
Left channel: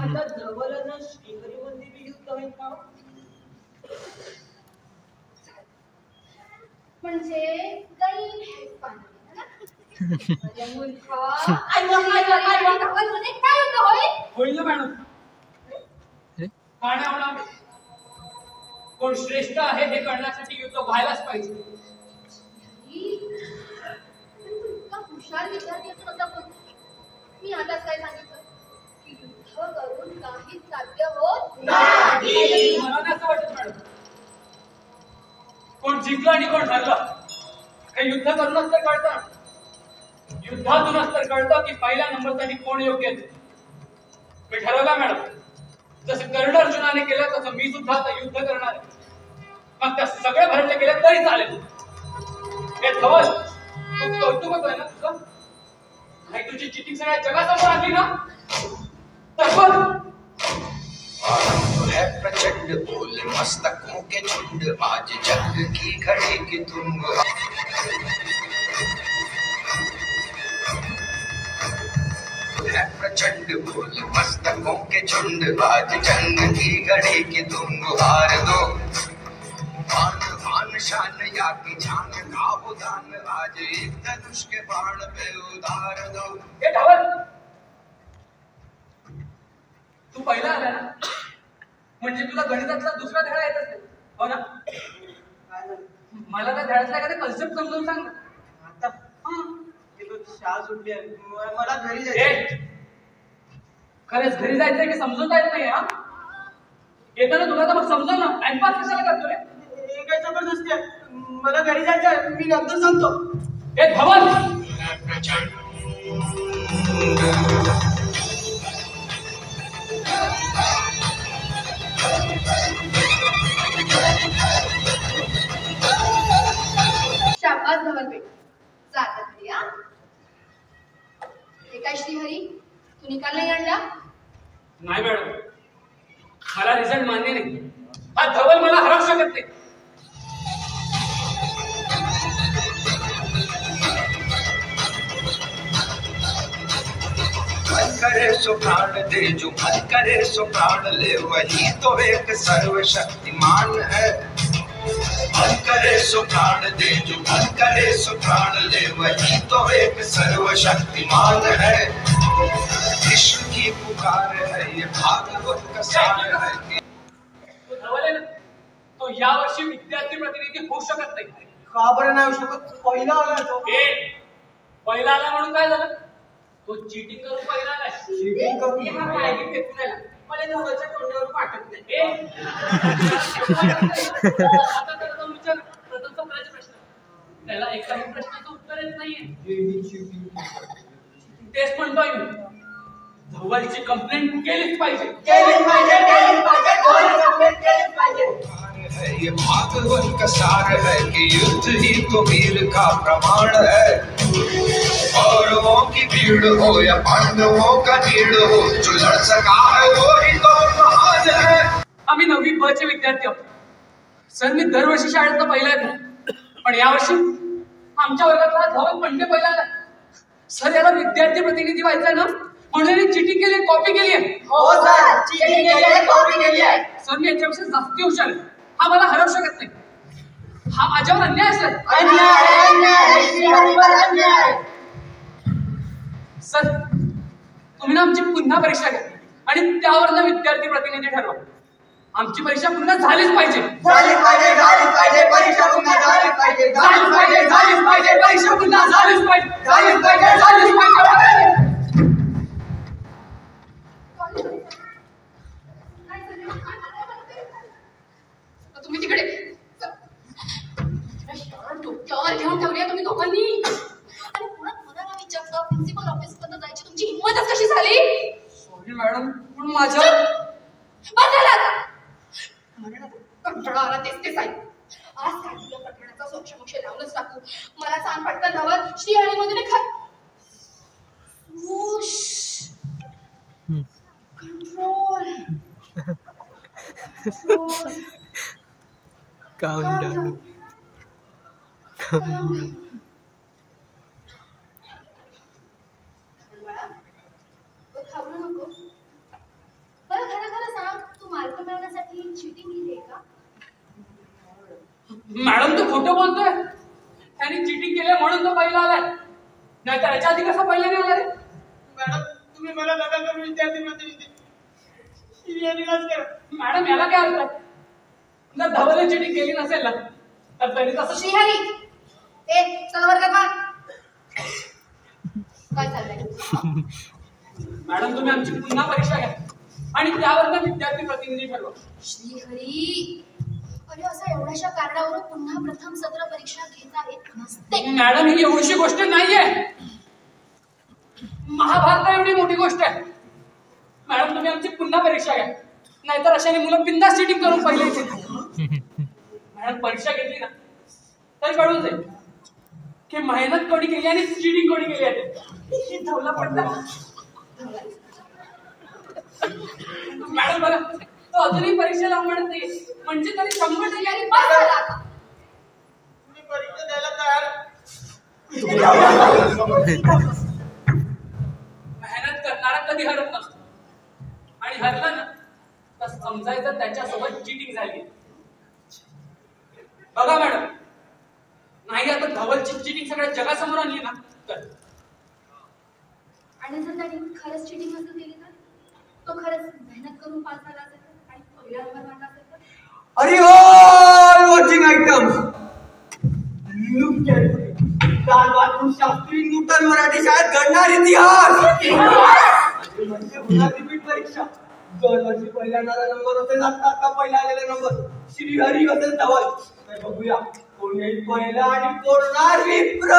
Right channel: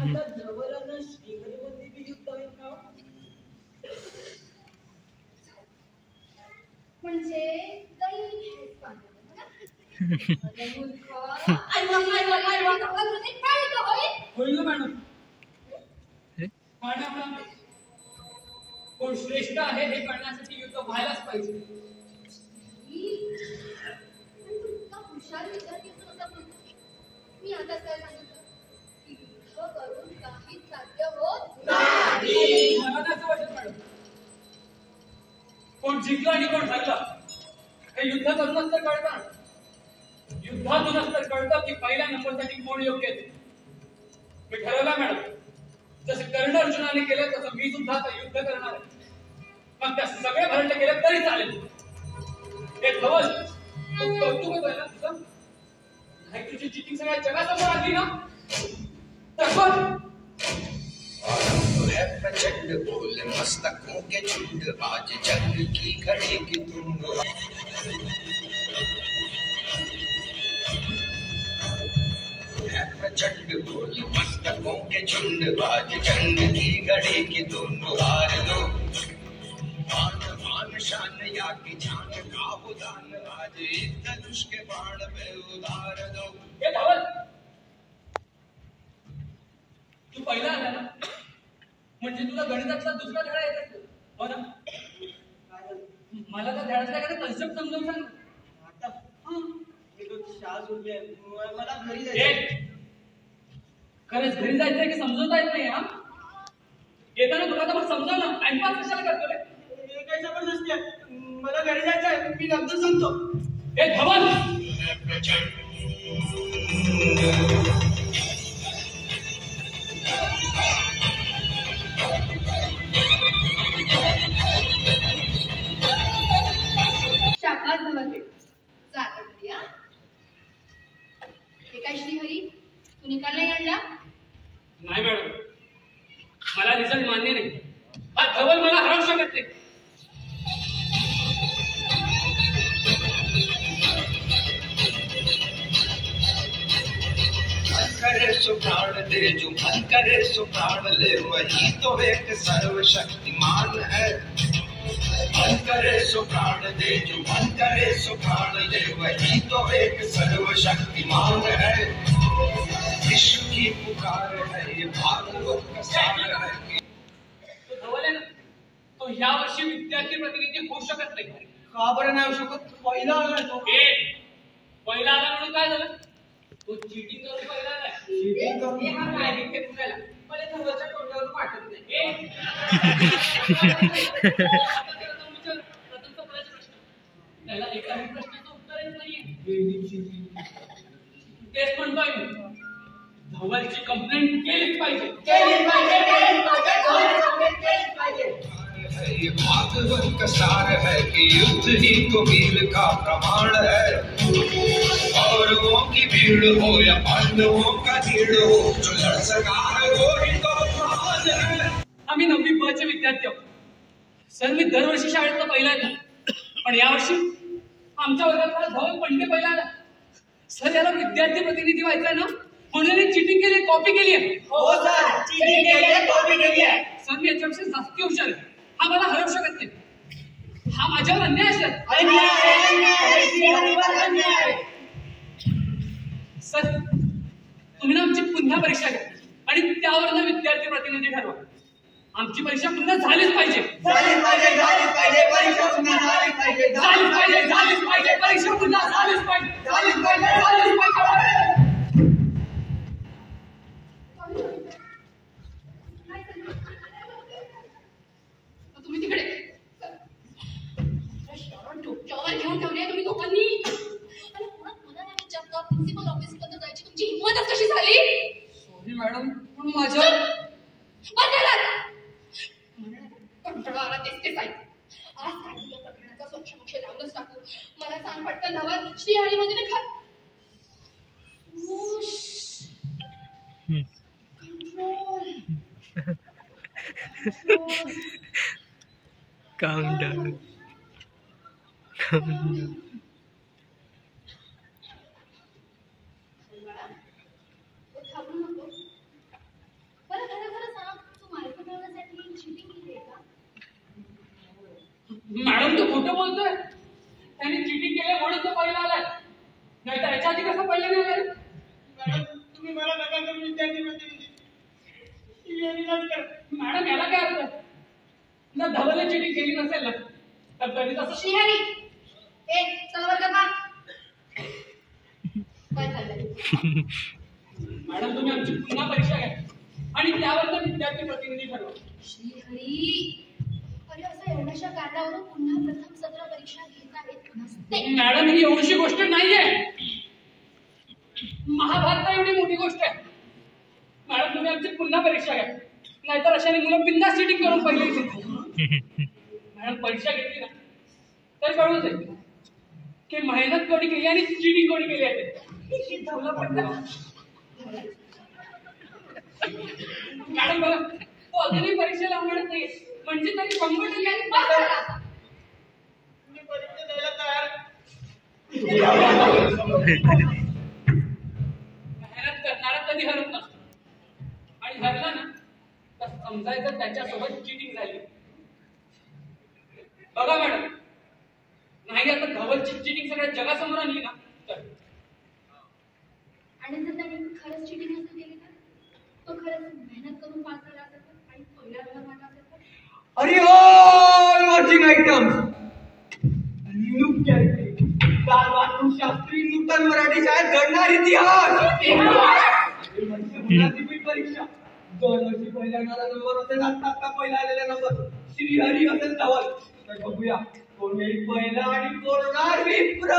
आता जवळच श्रीहरीमध्ये बी युद्ध होईल का? म्हणजे दैन हेच पाहिजे ना? अरे मूर्खा, काय युद्ध होईल? होईल ना मॅडम, का नाही होणार? कोण श्रेष्ठ आहे हे कळण्यासाठी युद्ध व्हायलाच पाहिजे. इतका हुशार विद्यार्थी असून आता बोलतो. मी आताच काय सांगितलं की युद्ध करून काहीच साध्य होत नाही. मला नाही असं वाटत मॅडम. कोण जिंकलं आणि कोण हरलं हे युद्ध करूनच तर कळतं. युद्धातूनच तर कळतं की पहिल्या नंबरसाठी कोण योग्य आहे. मी ठरवलं मॅडम, जसं कर्ण अर्जुनाने केलं तसं मी सुद्धा आता युद्ध करणार आहे. मग त्या सगळे भरले गेले तरी चालेल. हे धवल, तू कौतुक होतोय ना तुझं? नाही तुझी चिटिंग सगळ्या जगासमोर आणली ना तर बघ. है प्रचंड बोल मस्तकों के झुंड आज जंग की घड़ी की धुन है प्रचंड बोल मस्तकों के झुंड आज जंग की घड़ी की धुन हार दो मान शान या की जान का उदान आज एक धनुष के बाण पे उतार दो. हे धवल, तू पहिला आला ना म्हणजे तुला गणितातला दुसरा धडा येत असेल हो ना? मला त्या धड्यातला एखादा कन्सेप्ट समजावून सांग ना. आता शाळा सुटली आहे. मला घरी जायचं. ए, खरंच घरी जायचंय की समजवता येत नाही? हा येताना तुला तर मग समजाव ना. टाइमपास कशाला करतो रे? हे काय जबरदस्ती आहे. मला घरी जायचं आहे. मी नंतर सांगतो. हे धवल, शाबास धवलबेट, जाता घरी हा. हे काय श्रीहरी, तू निकाल नाही काढला? नाही मॅडम, मला रिझल्ट मान्य नाही. हा धवल मला हरवू शकत नाही. मन करे सो प्राण दे जो मन करे सो प्राण ले वही तो एक सर्वशक्तिमान है. मन करे सो प्राण दे जो मन करे सो प्राण ले वही तो एक सर्वशक्तिमान है. विश्व की पुकार है ये भागवत का सार है. तो धवल आहे ना, तो यावर्षी विद्यार्थी प्रतिनिधी होऊ शकत नाही. का बरं नाही होऊ शकत? पहिला आला तो. पहिला आला म्हणून काय झालं? तो चीटिंग करून पहिला आलाय. चीटिंग करून हे हा पायरी फेकून आला. मला धवलच्या तोंडावर पाठवत नाही. आता त्याला जाऊन विचार, प्रथम चौकडाचे प्रश्न. त्याला एकाही प्रश्नाचं उत्तर येत नाहीये. तेच म्हणतोय मी, धवलची कंप्लेंट केलीच पाहिजे. केलीच पाहिजे, केलीच पाहिजे, कोणी कंप्लेंट केलीच पाहिजे. ये भागवत का सार है कि युद्ध ही तो वीर का प्रमाण है. कौरवों की भीड़ हो या पांडवों का भीड़ हो जो लड़ सका है वो ही तो महान है. आम्ही 9वी ब चे विद्यार्थी आहोत. सर, मी दरवर्षी शाळेतला पहिला येतो, पण यावर्षी आमच्या वर्गातला धवल पंडे पहिला आला. सर, याला विद्यार्थी प्रतिनिधी व्हायचंय ना, म्हणून चिटिंग केली, कॉपी केली आहे. हो सर, चीटिंग केली आहे, कॉपी केली आहे. सर, मी याच्यापेक्षा जास्ती हुशार आहे. हा मला हरवू शकत नाही. हा माझ्यावर अन्याय आहे सर. अन्याय, अन्याय, श्रीहरीवर अन्याय. सर, तुम्ही ना आमची पुन्हा परीक्षा घ्या आणि त्यावरनं विद्यार्थी प्रतिनिधी ठरवा. आमची परीक्षा पुन्हा झालीच पाहिजे. झालीच पाहिजे, झालीच पाहिजे, परीक्षा पुन्हा झालीच पाहिजे, झालीच पाहिजे, झालीच पाहिजे, परीक्षा पुन्हा झालीच पाहिजे, झालीच पाहिजे, झालीच पाहिजे. तुम्ही तिकडे डोक्यावर घेऊन ठेवली तुम्ही दोघांनी. आणि पुन्हा मला नाही विचारलं, प्रिन्सिपल ऑफिस पर्यंत जायची तुमची हिंमतच कशी झाली? सॉरी मॅडम, पण माझ्या कंटाळा आला. तेच आहे. आज काय तुझ्या प्रकरणाचा सोक्षमोक्ष लावूनच टाकू. मला सांग पटकन धवल, श्रीहरी मध्ये नाही खात. Control. Calm down. Calm down. घाबरू नको. बरं, खरं सांग, तू मार्क मिळवण्यासाठी चिटिंग केली का? मॅडम, तू खोटं बोलतोय. त्यांनी चिटिंग केली म्हणून तो पहिला आलाय, नाही तर याच्या आधी कसा पहिला नाही आला रे? मॅडम, तुम्ही मला नका करू विद्यार्थी प्रतिनिधी. श्रीहरीलाच करा. मॅडम, याला काय अर्थ आहे? जर धवलने चिटिंग केली नसेल ना तर त्यांनी तसं. श्रीहरी, चला वर्गात वा. काय चाललंय? मॅडम, तुम्ही आमची पुन्हा परीक्षा घ्या आणि त्यावर विद्यार्थी प्रतिनिधी ठरवा. श्रीहरी, अरे असं एवढ्याशा कारणावरून पुन्हा प्रथम सत्र परीक्षा घेता येत नसते. मॅडम, ही एवढीशी गोष्ट नाहीये. महाभारत एवढी मोठी गोष्ट आहे. मॅडम, तुम्ही आमची पुन्हा परीक्षा घ्या, नाहीतर अशाने मुलं बिंदास चिटिंग करून पहिले येतील. आणि परीक्षा घेतली ना तर कळून जाईल की मेहनत कोणी केली आणि चिटिंग कोणी केली आहे. हे धावला पडला. मॅडम बघा तो अजूनही परीक्षेला म्हणत नाही म्हणजे तरी 100% आणि बस झालं आता. मी परीक्षा द्यायला तयार. मेहनत करणारा कधी हरत नसतो आणि हरला ना तर समजायचं त्याच्यासोबत चिटिंग झाली. बघा मॅडम नाही आता धवलची चिटिंग सगळ्या जगासमोर आणली ना तर आणि जर त्याने खरंच चिटिंग नसेल केली तर तो खरंच मेहनत करून पास झाला असेल तर आणि पहिला नंबर मारला असेल तर. अरे all watching items look carefully. कालपासून शास्त्री नूतन मराठी शाळेत घडणार इतिहास. म्हणजे पुन्हा रिपीट परीक्षा. दरवर्षी पहिला येणारा नंबर असेल आता पहिला आलेला नंबर श्रीहरी असेल धवल. तर बघूया कोण येईल पहिला आणि कोण होणार विप्र.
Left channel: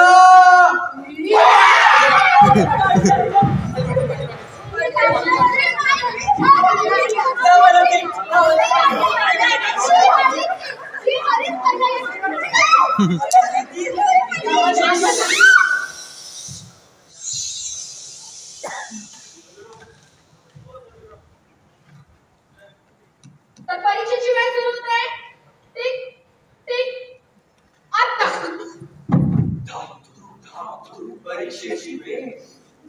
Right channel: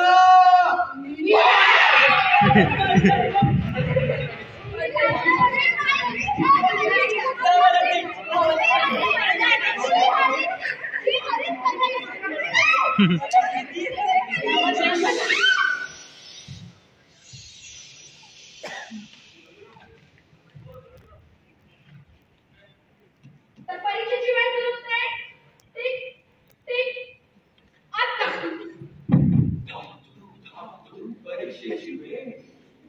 तर परीक्षेची वेळ सुरू होते. टिक टिक आता. परीक्षेची वेळ.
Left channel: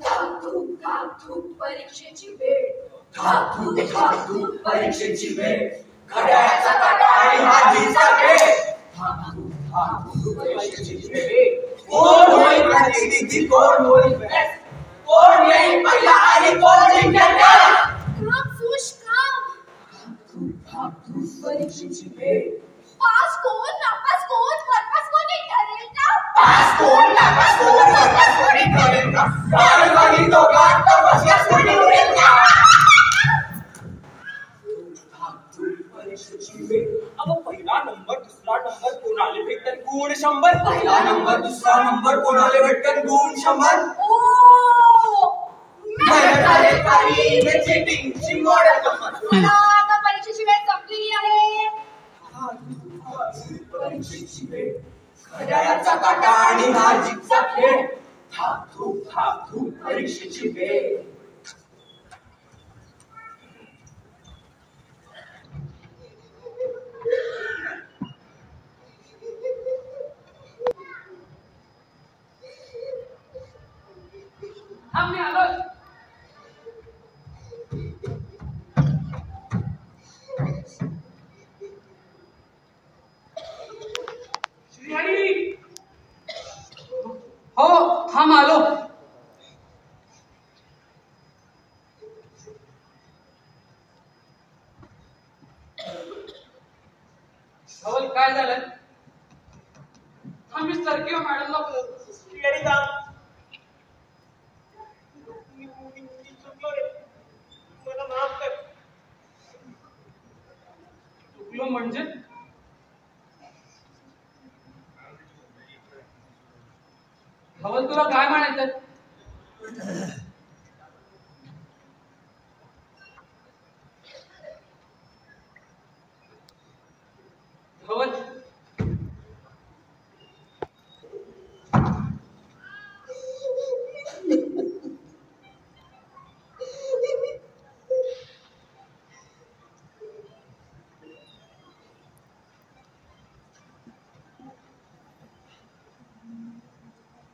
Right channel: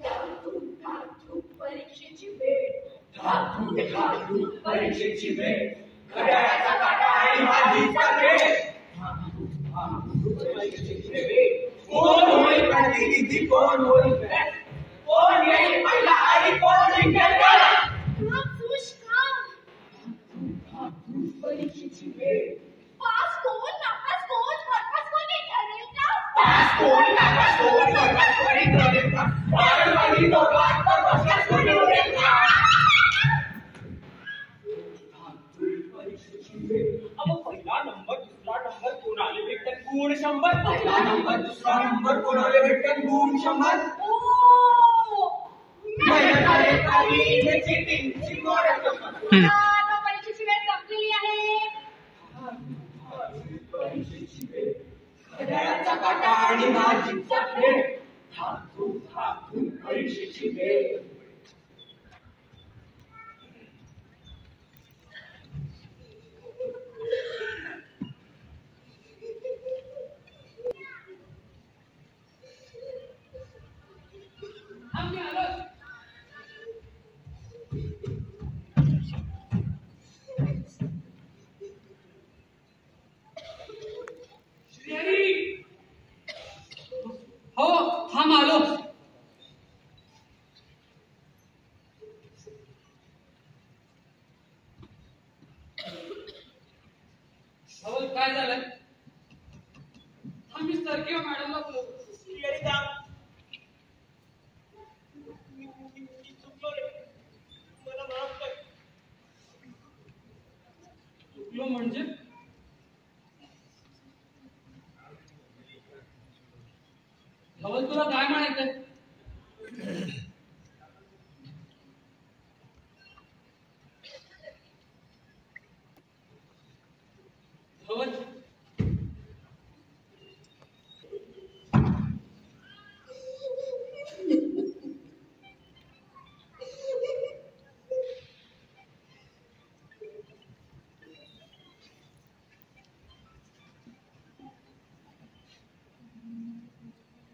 धाकधूक धाकधूक परीक्षेची वेळ. धाकधूक धाकधूक परीक्षेची वेळ. घड्याळाचा काटा आणि हाजीचा खेळ. धाकधूक धाकधूक परीक्षेची वेळ. कोण होईल प्रतिनिधी कोण होईल बेस्ट. कोण येईल पहिला आणि कोण जिंकेल जग. काम सुश काम. धाकधूक परीक्षेची वेळ. पास कोण नापास कोण बरपास कोण हे ठरेल का. पास कोण नापास कोण वर्गात कोणी ठरेल का. वर्गाने दोघांत तपासल्यास कोणी उरेल का. धाकधूक परीक्षेची वेळ. अगं पहिला नंबर दुसरा नंबर कोणाला भेटन गुण 100. पहिला नंबर दुसरा नंबर कोणाला भेटन गुण 100. ओ मेहनतकारी में चिटिंगची मॉडेल गंमत. मला आता परीक्षेची वेळ संपलेली आहे. परीक्षेची वेळ. घड्याळाचा काटा आणि हाजीचा खेळ. धाकधूक धाकधूक परीक्षेची वेळ. आम्ही आलोय. श्रीहरी हो थांब आलो. धवल काय झालं. थांब मी सरकी मॅडमला बोलवतो. श्रीहरी थांब. मी चुकलो रे. मला माफ कर. चुकलो म्हणजे धवल तुला काय म्हणायचं. धवल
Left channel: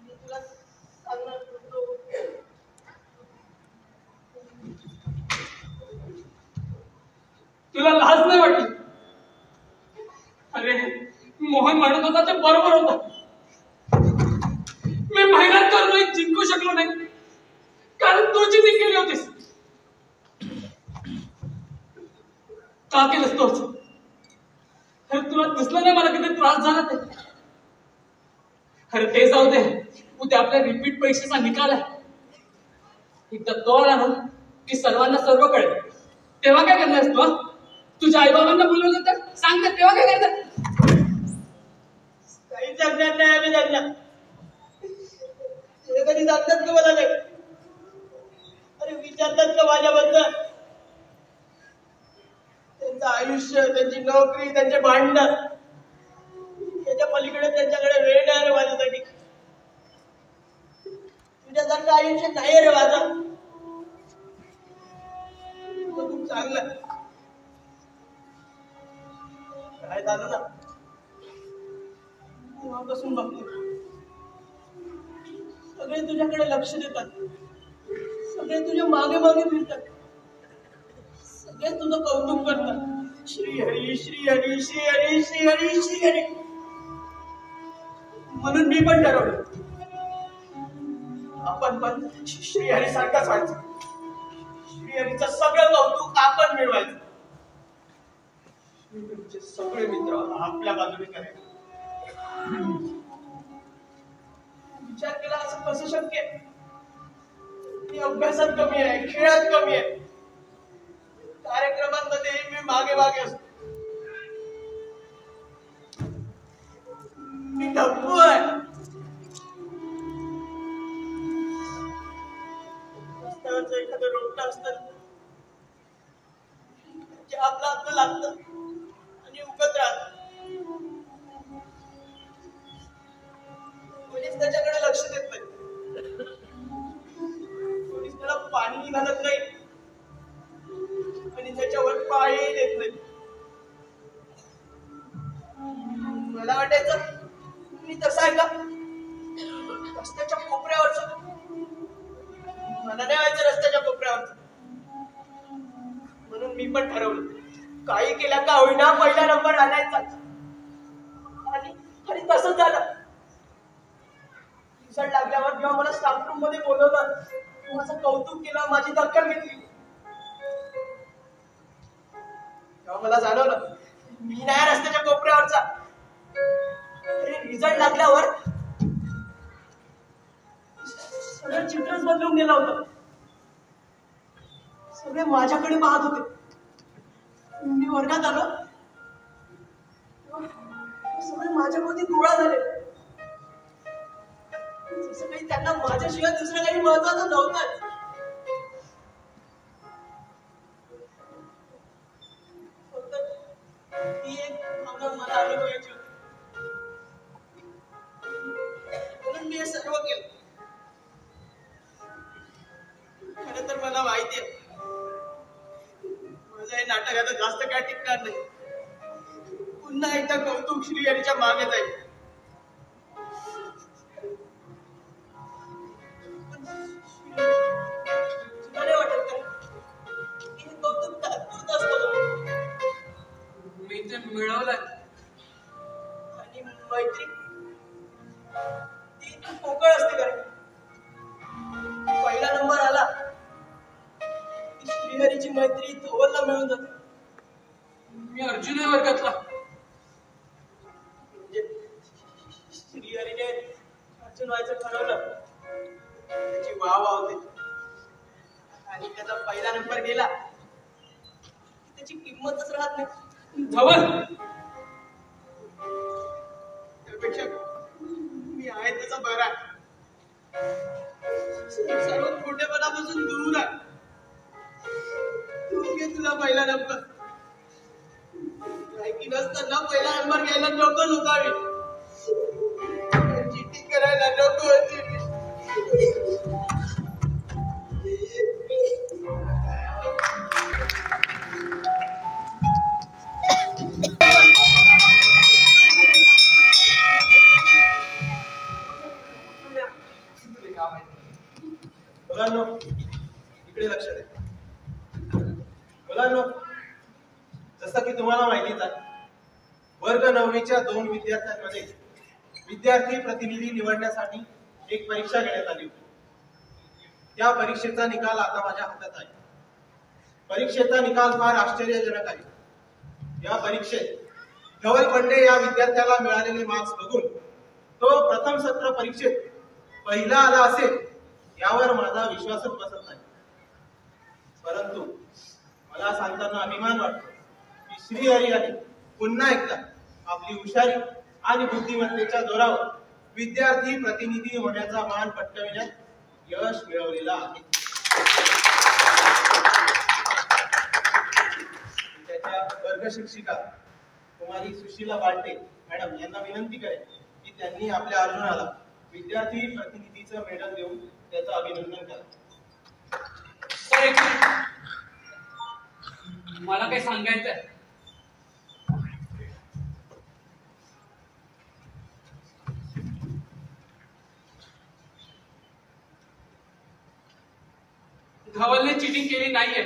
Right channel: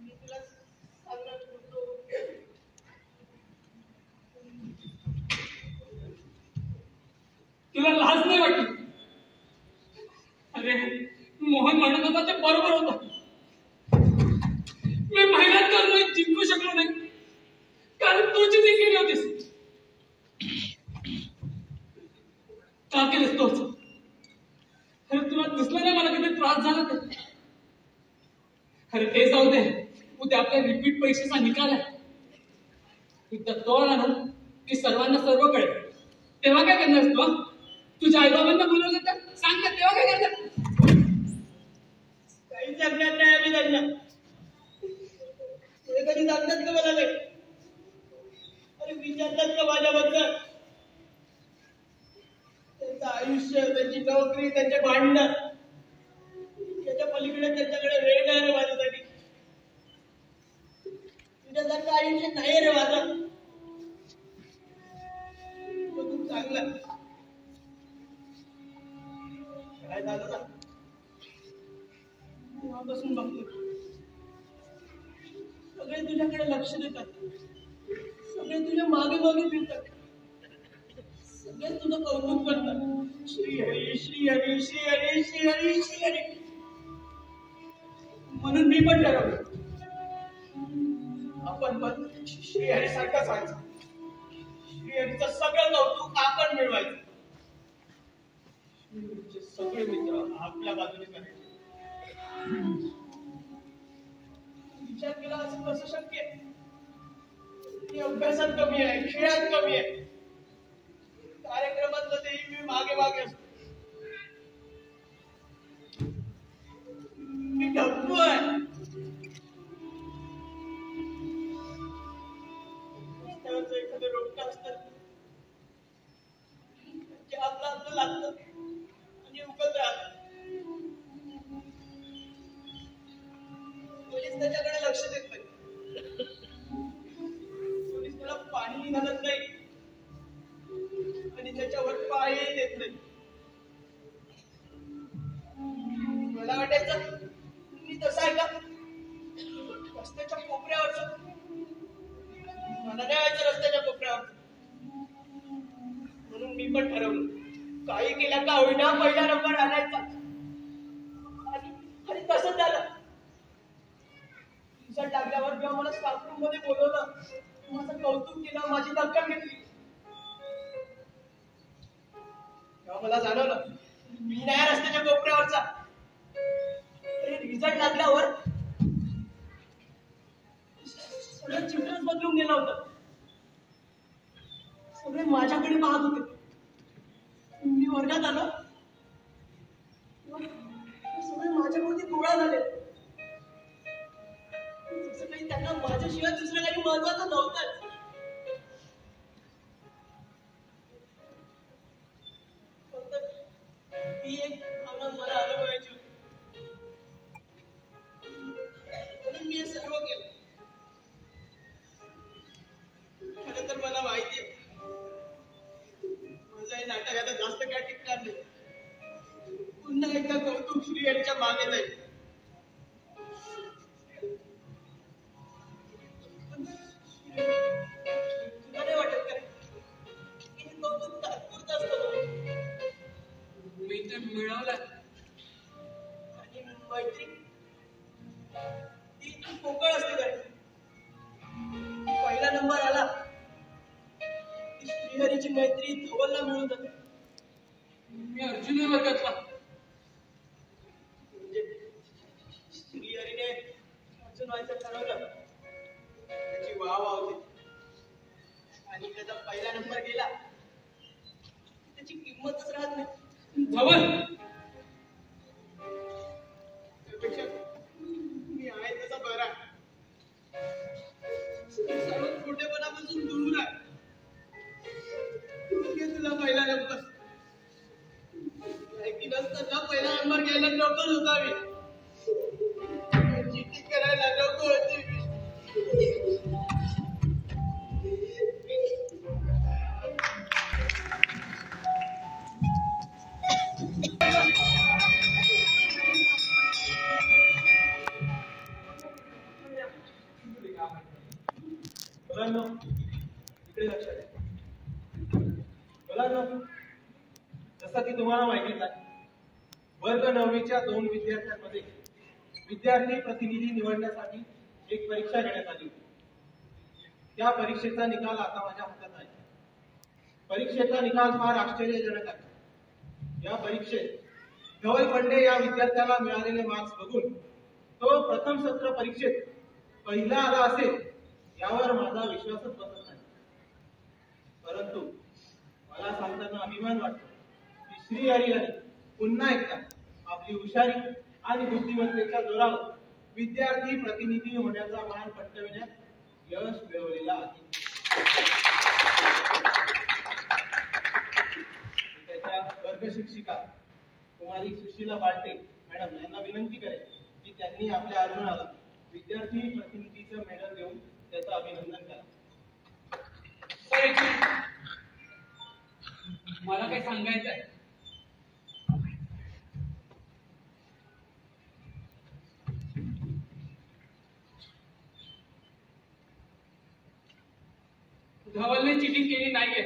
मी तुला सांगणार होतो. तुला लाज नाही वाटली. अरे मोहन म्हणत होता ते बरोबर होतं. मी मेहनत करून जिंकू शकलो नाही कारण तू चिटिंग केली होतीस. का केलंस तोच. अरे तुला दिसलं नाही मला किती त्रास झाला ते. अरे ते जाऊ दे. उद्या आपल्या रिपीट परीक्षेचा निकाल आहे. एकदा तो आला ना की सर्वांना सर्व कळेल. तेव्हा काय करणार तू. तुझ्या आई बाबांना बोलवलं तर सांग ना तेव्हा काय करणार. काही सांगणार नाही आम्ही त्यांना. ते कधी सांगतात का मला नाही. अरे विचारतात का माझ्याबद्दल. त्यांचं आयुष्य त्यांची नोकरी त्यांचे भांडण विषय नाही रे माझा. खूप चांगलं काय झालं ना, तेव्हापासून बघतो सगळे तुझ्याकडे लक्ष देतात, सगळे तुझ्या मागे मागे फिरतात, सगळे तुझं कौतुक करतात. श्री हरी श्री हरी श्री हरी श्री हरी श्री हरी. म्हणून मी पण ठरवलं आपण पण श्रीहरी सारखाच व्हायचं. श्रीहरीचं सगळं कौतुक आपण मिळवायचं. श्रीहरीचे सगळे मित्र आपल्या बाजूने करायचे. विचार केला असं कसं शक्य आहे? मी अभ्यासात कमी आहे, खेळात कमी आहे, कार्यक्रमांमध्ये मी मागे मागे असतो. मी ढप्पू आहे. रस्त्यावरचं एखादं रोपटं असतं जे आपलं आपलं लागतं आणि उगत राहतं. कोणीच त्याच्याकडे लक्ष देत नाही, कोणीच त्याला पाणी घालत नाही आणि त्याच्यावर पाळी देत नाही. मला वाटायचं मी तसं आहे का, रस्त्याच्या कोपऱ्यावरच. मला नाही व्हायचं रस्त्याच्या कोपऱ्यावरच. म्हणून मी पण ठरवलं काही केल्या का होईना पहिला नंबर आणायचा. आणि तसंच झालं. रिझल्ट लागल्यावर जेव्हा मला स्टाफ रूम मध्ये बोलवलं, माझं कौतुक केलं, माझी दखल घेतली, तेव्हा मला जाणवलं मी नाही रस्त्याच्या कोपऱ्यावरचा. रिझल्ट लागल्यावर सगळं चित्रच बदलून गेलं होतं. सगळे माझ्याकडे पाहत होते. मी वर्गात आलो, सगळे माझ्यावरती गोळा झाले. जसं काही त्यांना माझ्याशिवाय दुसरं काही महत्वाचं नव्हतं. फक्त ती एक भावना मला अनुभवायची होती. म्हणून मी हे सर्व केलं. खरं तर मला माहिती आहे माझं हे नाटक आता जास्त काय टिकणार नाही. पुन्हा एकदा कौतुक श्रीहरीच्या मागे जाईल. तुला नाही वाटत का की हे कौतुक तात्पुरतं असतं? मी ते मिळवलंय. आणि मैत्री ती पोकळ असते का? पहिला नंबर आला की श्रीहरीची मैत्री धवलला मिळून जाते. मी अर्जुन आहे वर्गातला. म्हणजे श्रीहरीने अर्जुन व्हायचं ठरवलं, त्याची वाव होते आणि त्याचा पहिला नंबर गेला त्याची किंमतच राहत नाही. धवल त्यापेक्षा मी आहे त्याचा बरा. सर्व खोटेपणापासून दूर आहे. तू घे तुला पहिला नंबर. लायकी नसताना पहिला नंबर घ्यायला नकोच होता मी. चिठ्ठी करायला नको होती. मुलांनो इकडे लक्ष द्या. मुलांनो जसं की तुम्हाला माहितीच आहे, वर्ग 9वीच्या 2 विद्यार्थ्यांमध्ये विद्यार्थी प्रतिनिधी निवडण्यासाठी एक परीक्षा घेण्यात आली होती. या परीक्षेचा निकाल आता माझ्या हातात आहे. परीक्षेचा निकाल फार आश्चर्यजनक आहे. या परीक्षेत धवल पंडे या विद्यार्थ्याला मिळालेले मार्क्स बघून तो प्रथम सत्र परीक्षेत पहिला आला असेल यावर माझा विश्वासच बसत नाही. परंतु मला सांगताना अभिमान वाटतो की श्रीहरी यांनी पुन्हा एकदा आपली हुशारी आणि बुद्धिमत्तेच्या जोरावर विद्यार्थी प्रतिनिधी होण्याचा मान पटकाविण्यात यश मिळवलेला आहे. त्याच्या वर्ग शिक्षिका कुमारी सुशीला बालटे मॅडम यांना विनंती करेन की त्यांनी आपल्या अर्जुनाला विद्यार्थी प्रतिनिधीचं मेडल देऊन त्याचं अभिनंदन करा. सर, एक मिनिट. मला काही सांगायचंय. धवलने चिटिंग केली नाहीये.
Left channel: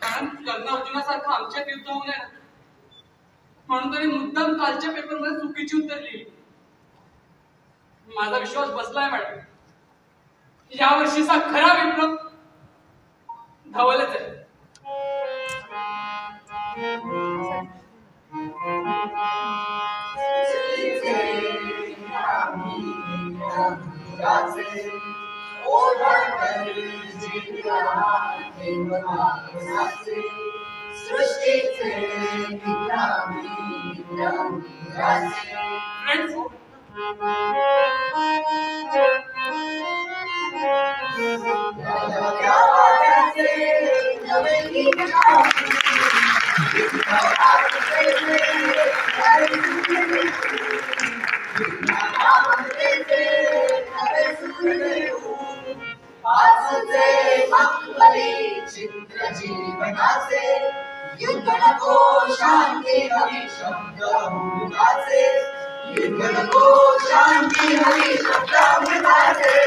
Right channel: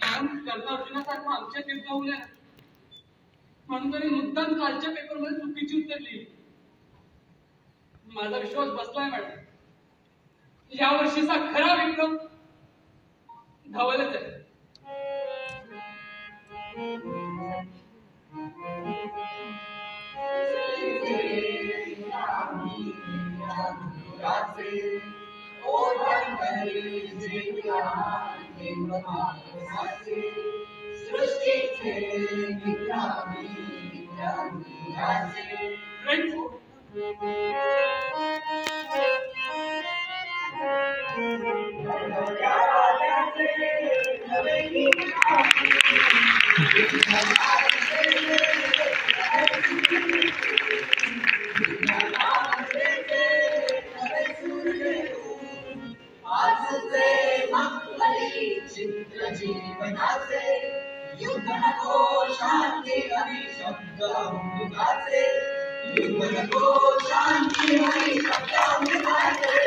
कारण कर्ण अर्जुनासारखं आमच्यात युद्ध होऊ नये म्हणून त्याने मुद्दाम कालच्या पेपरमध्ये चुकीची उत्तर लिहिली. माझा विश्वास बसलाय मॅडम. या वर्षीचा खरा विक्रम धवलच आहे. फ्रेंड्स, जीवनाचे युद्ध नको शांती हवी शब्द अमृताचे युद्ध नको शांती हवी शब्द अमृताचे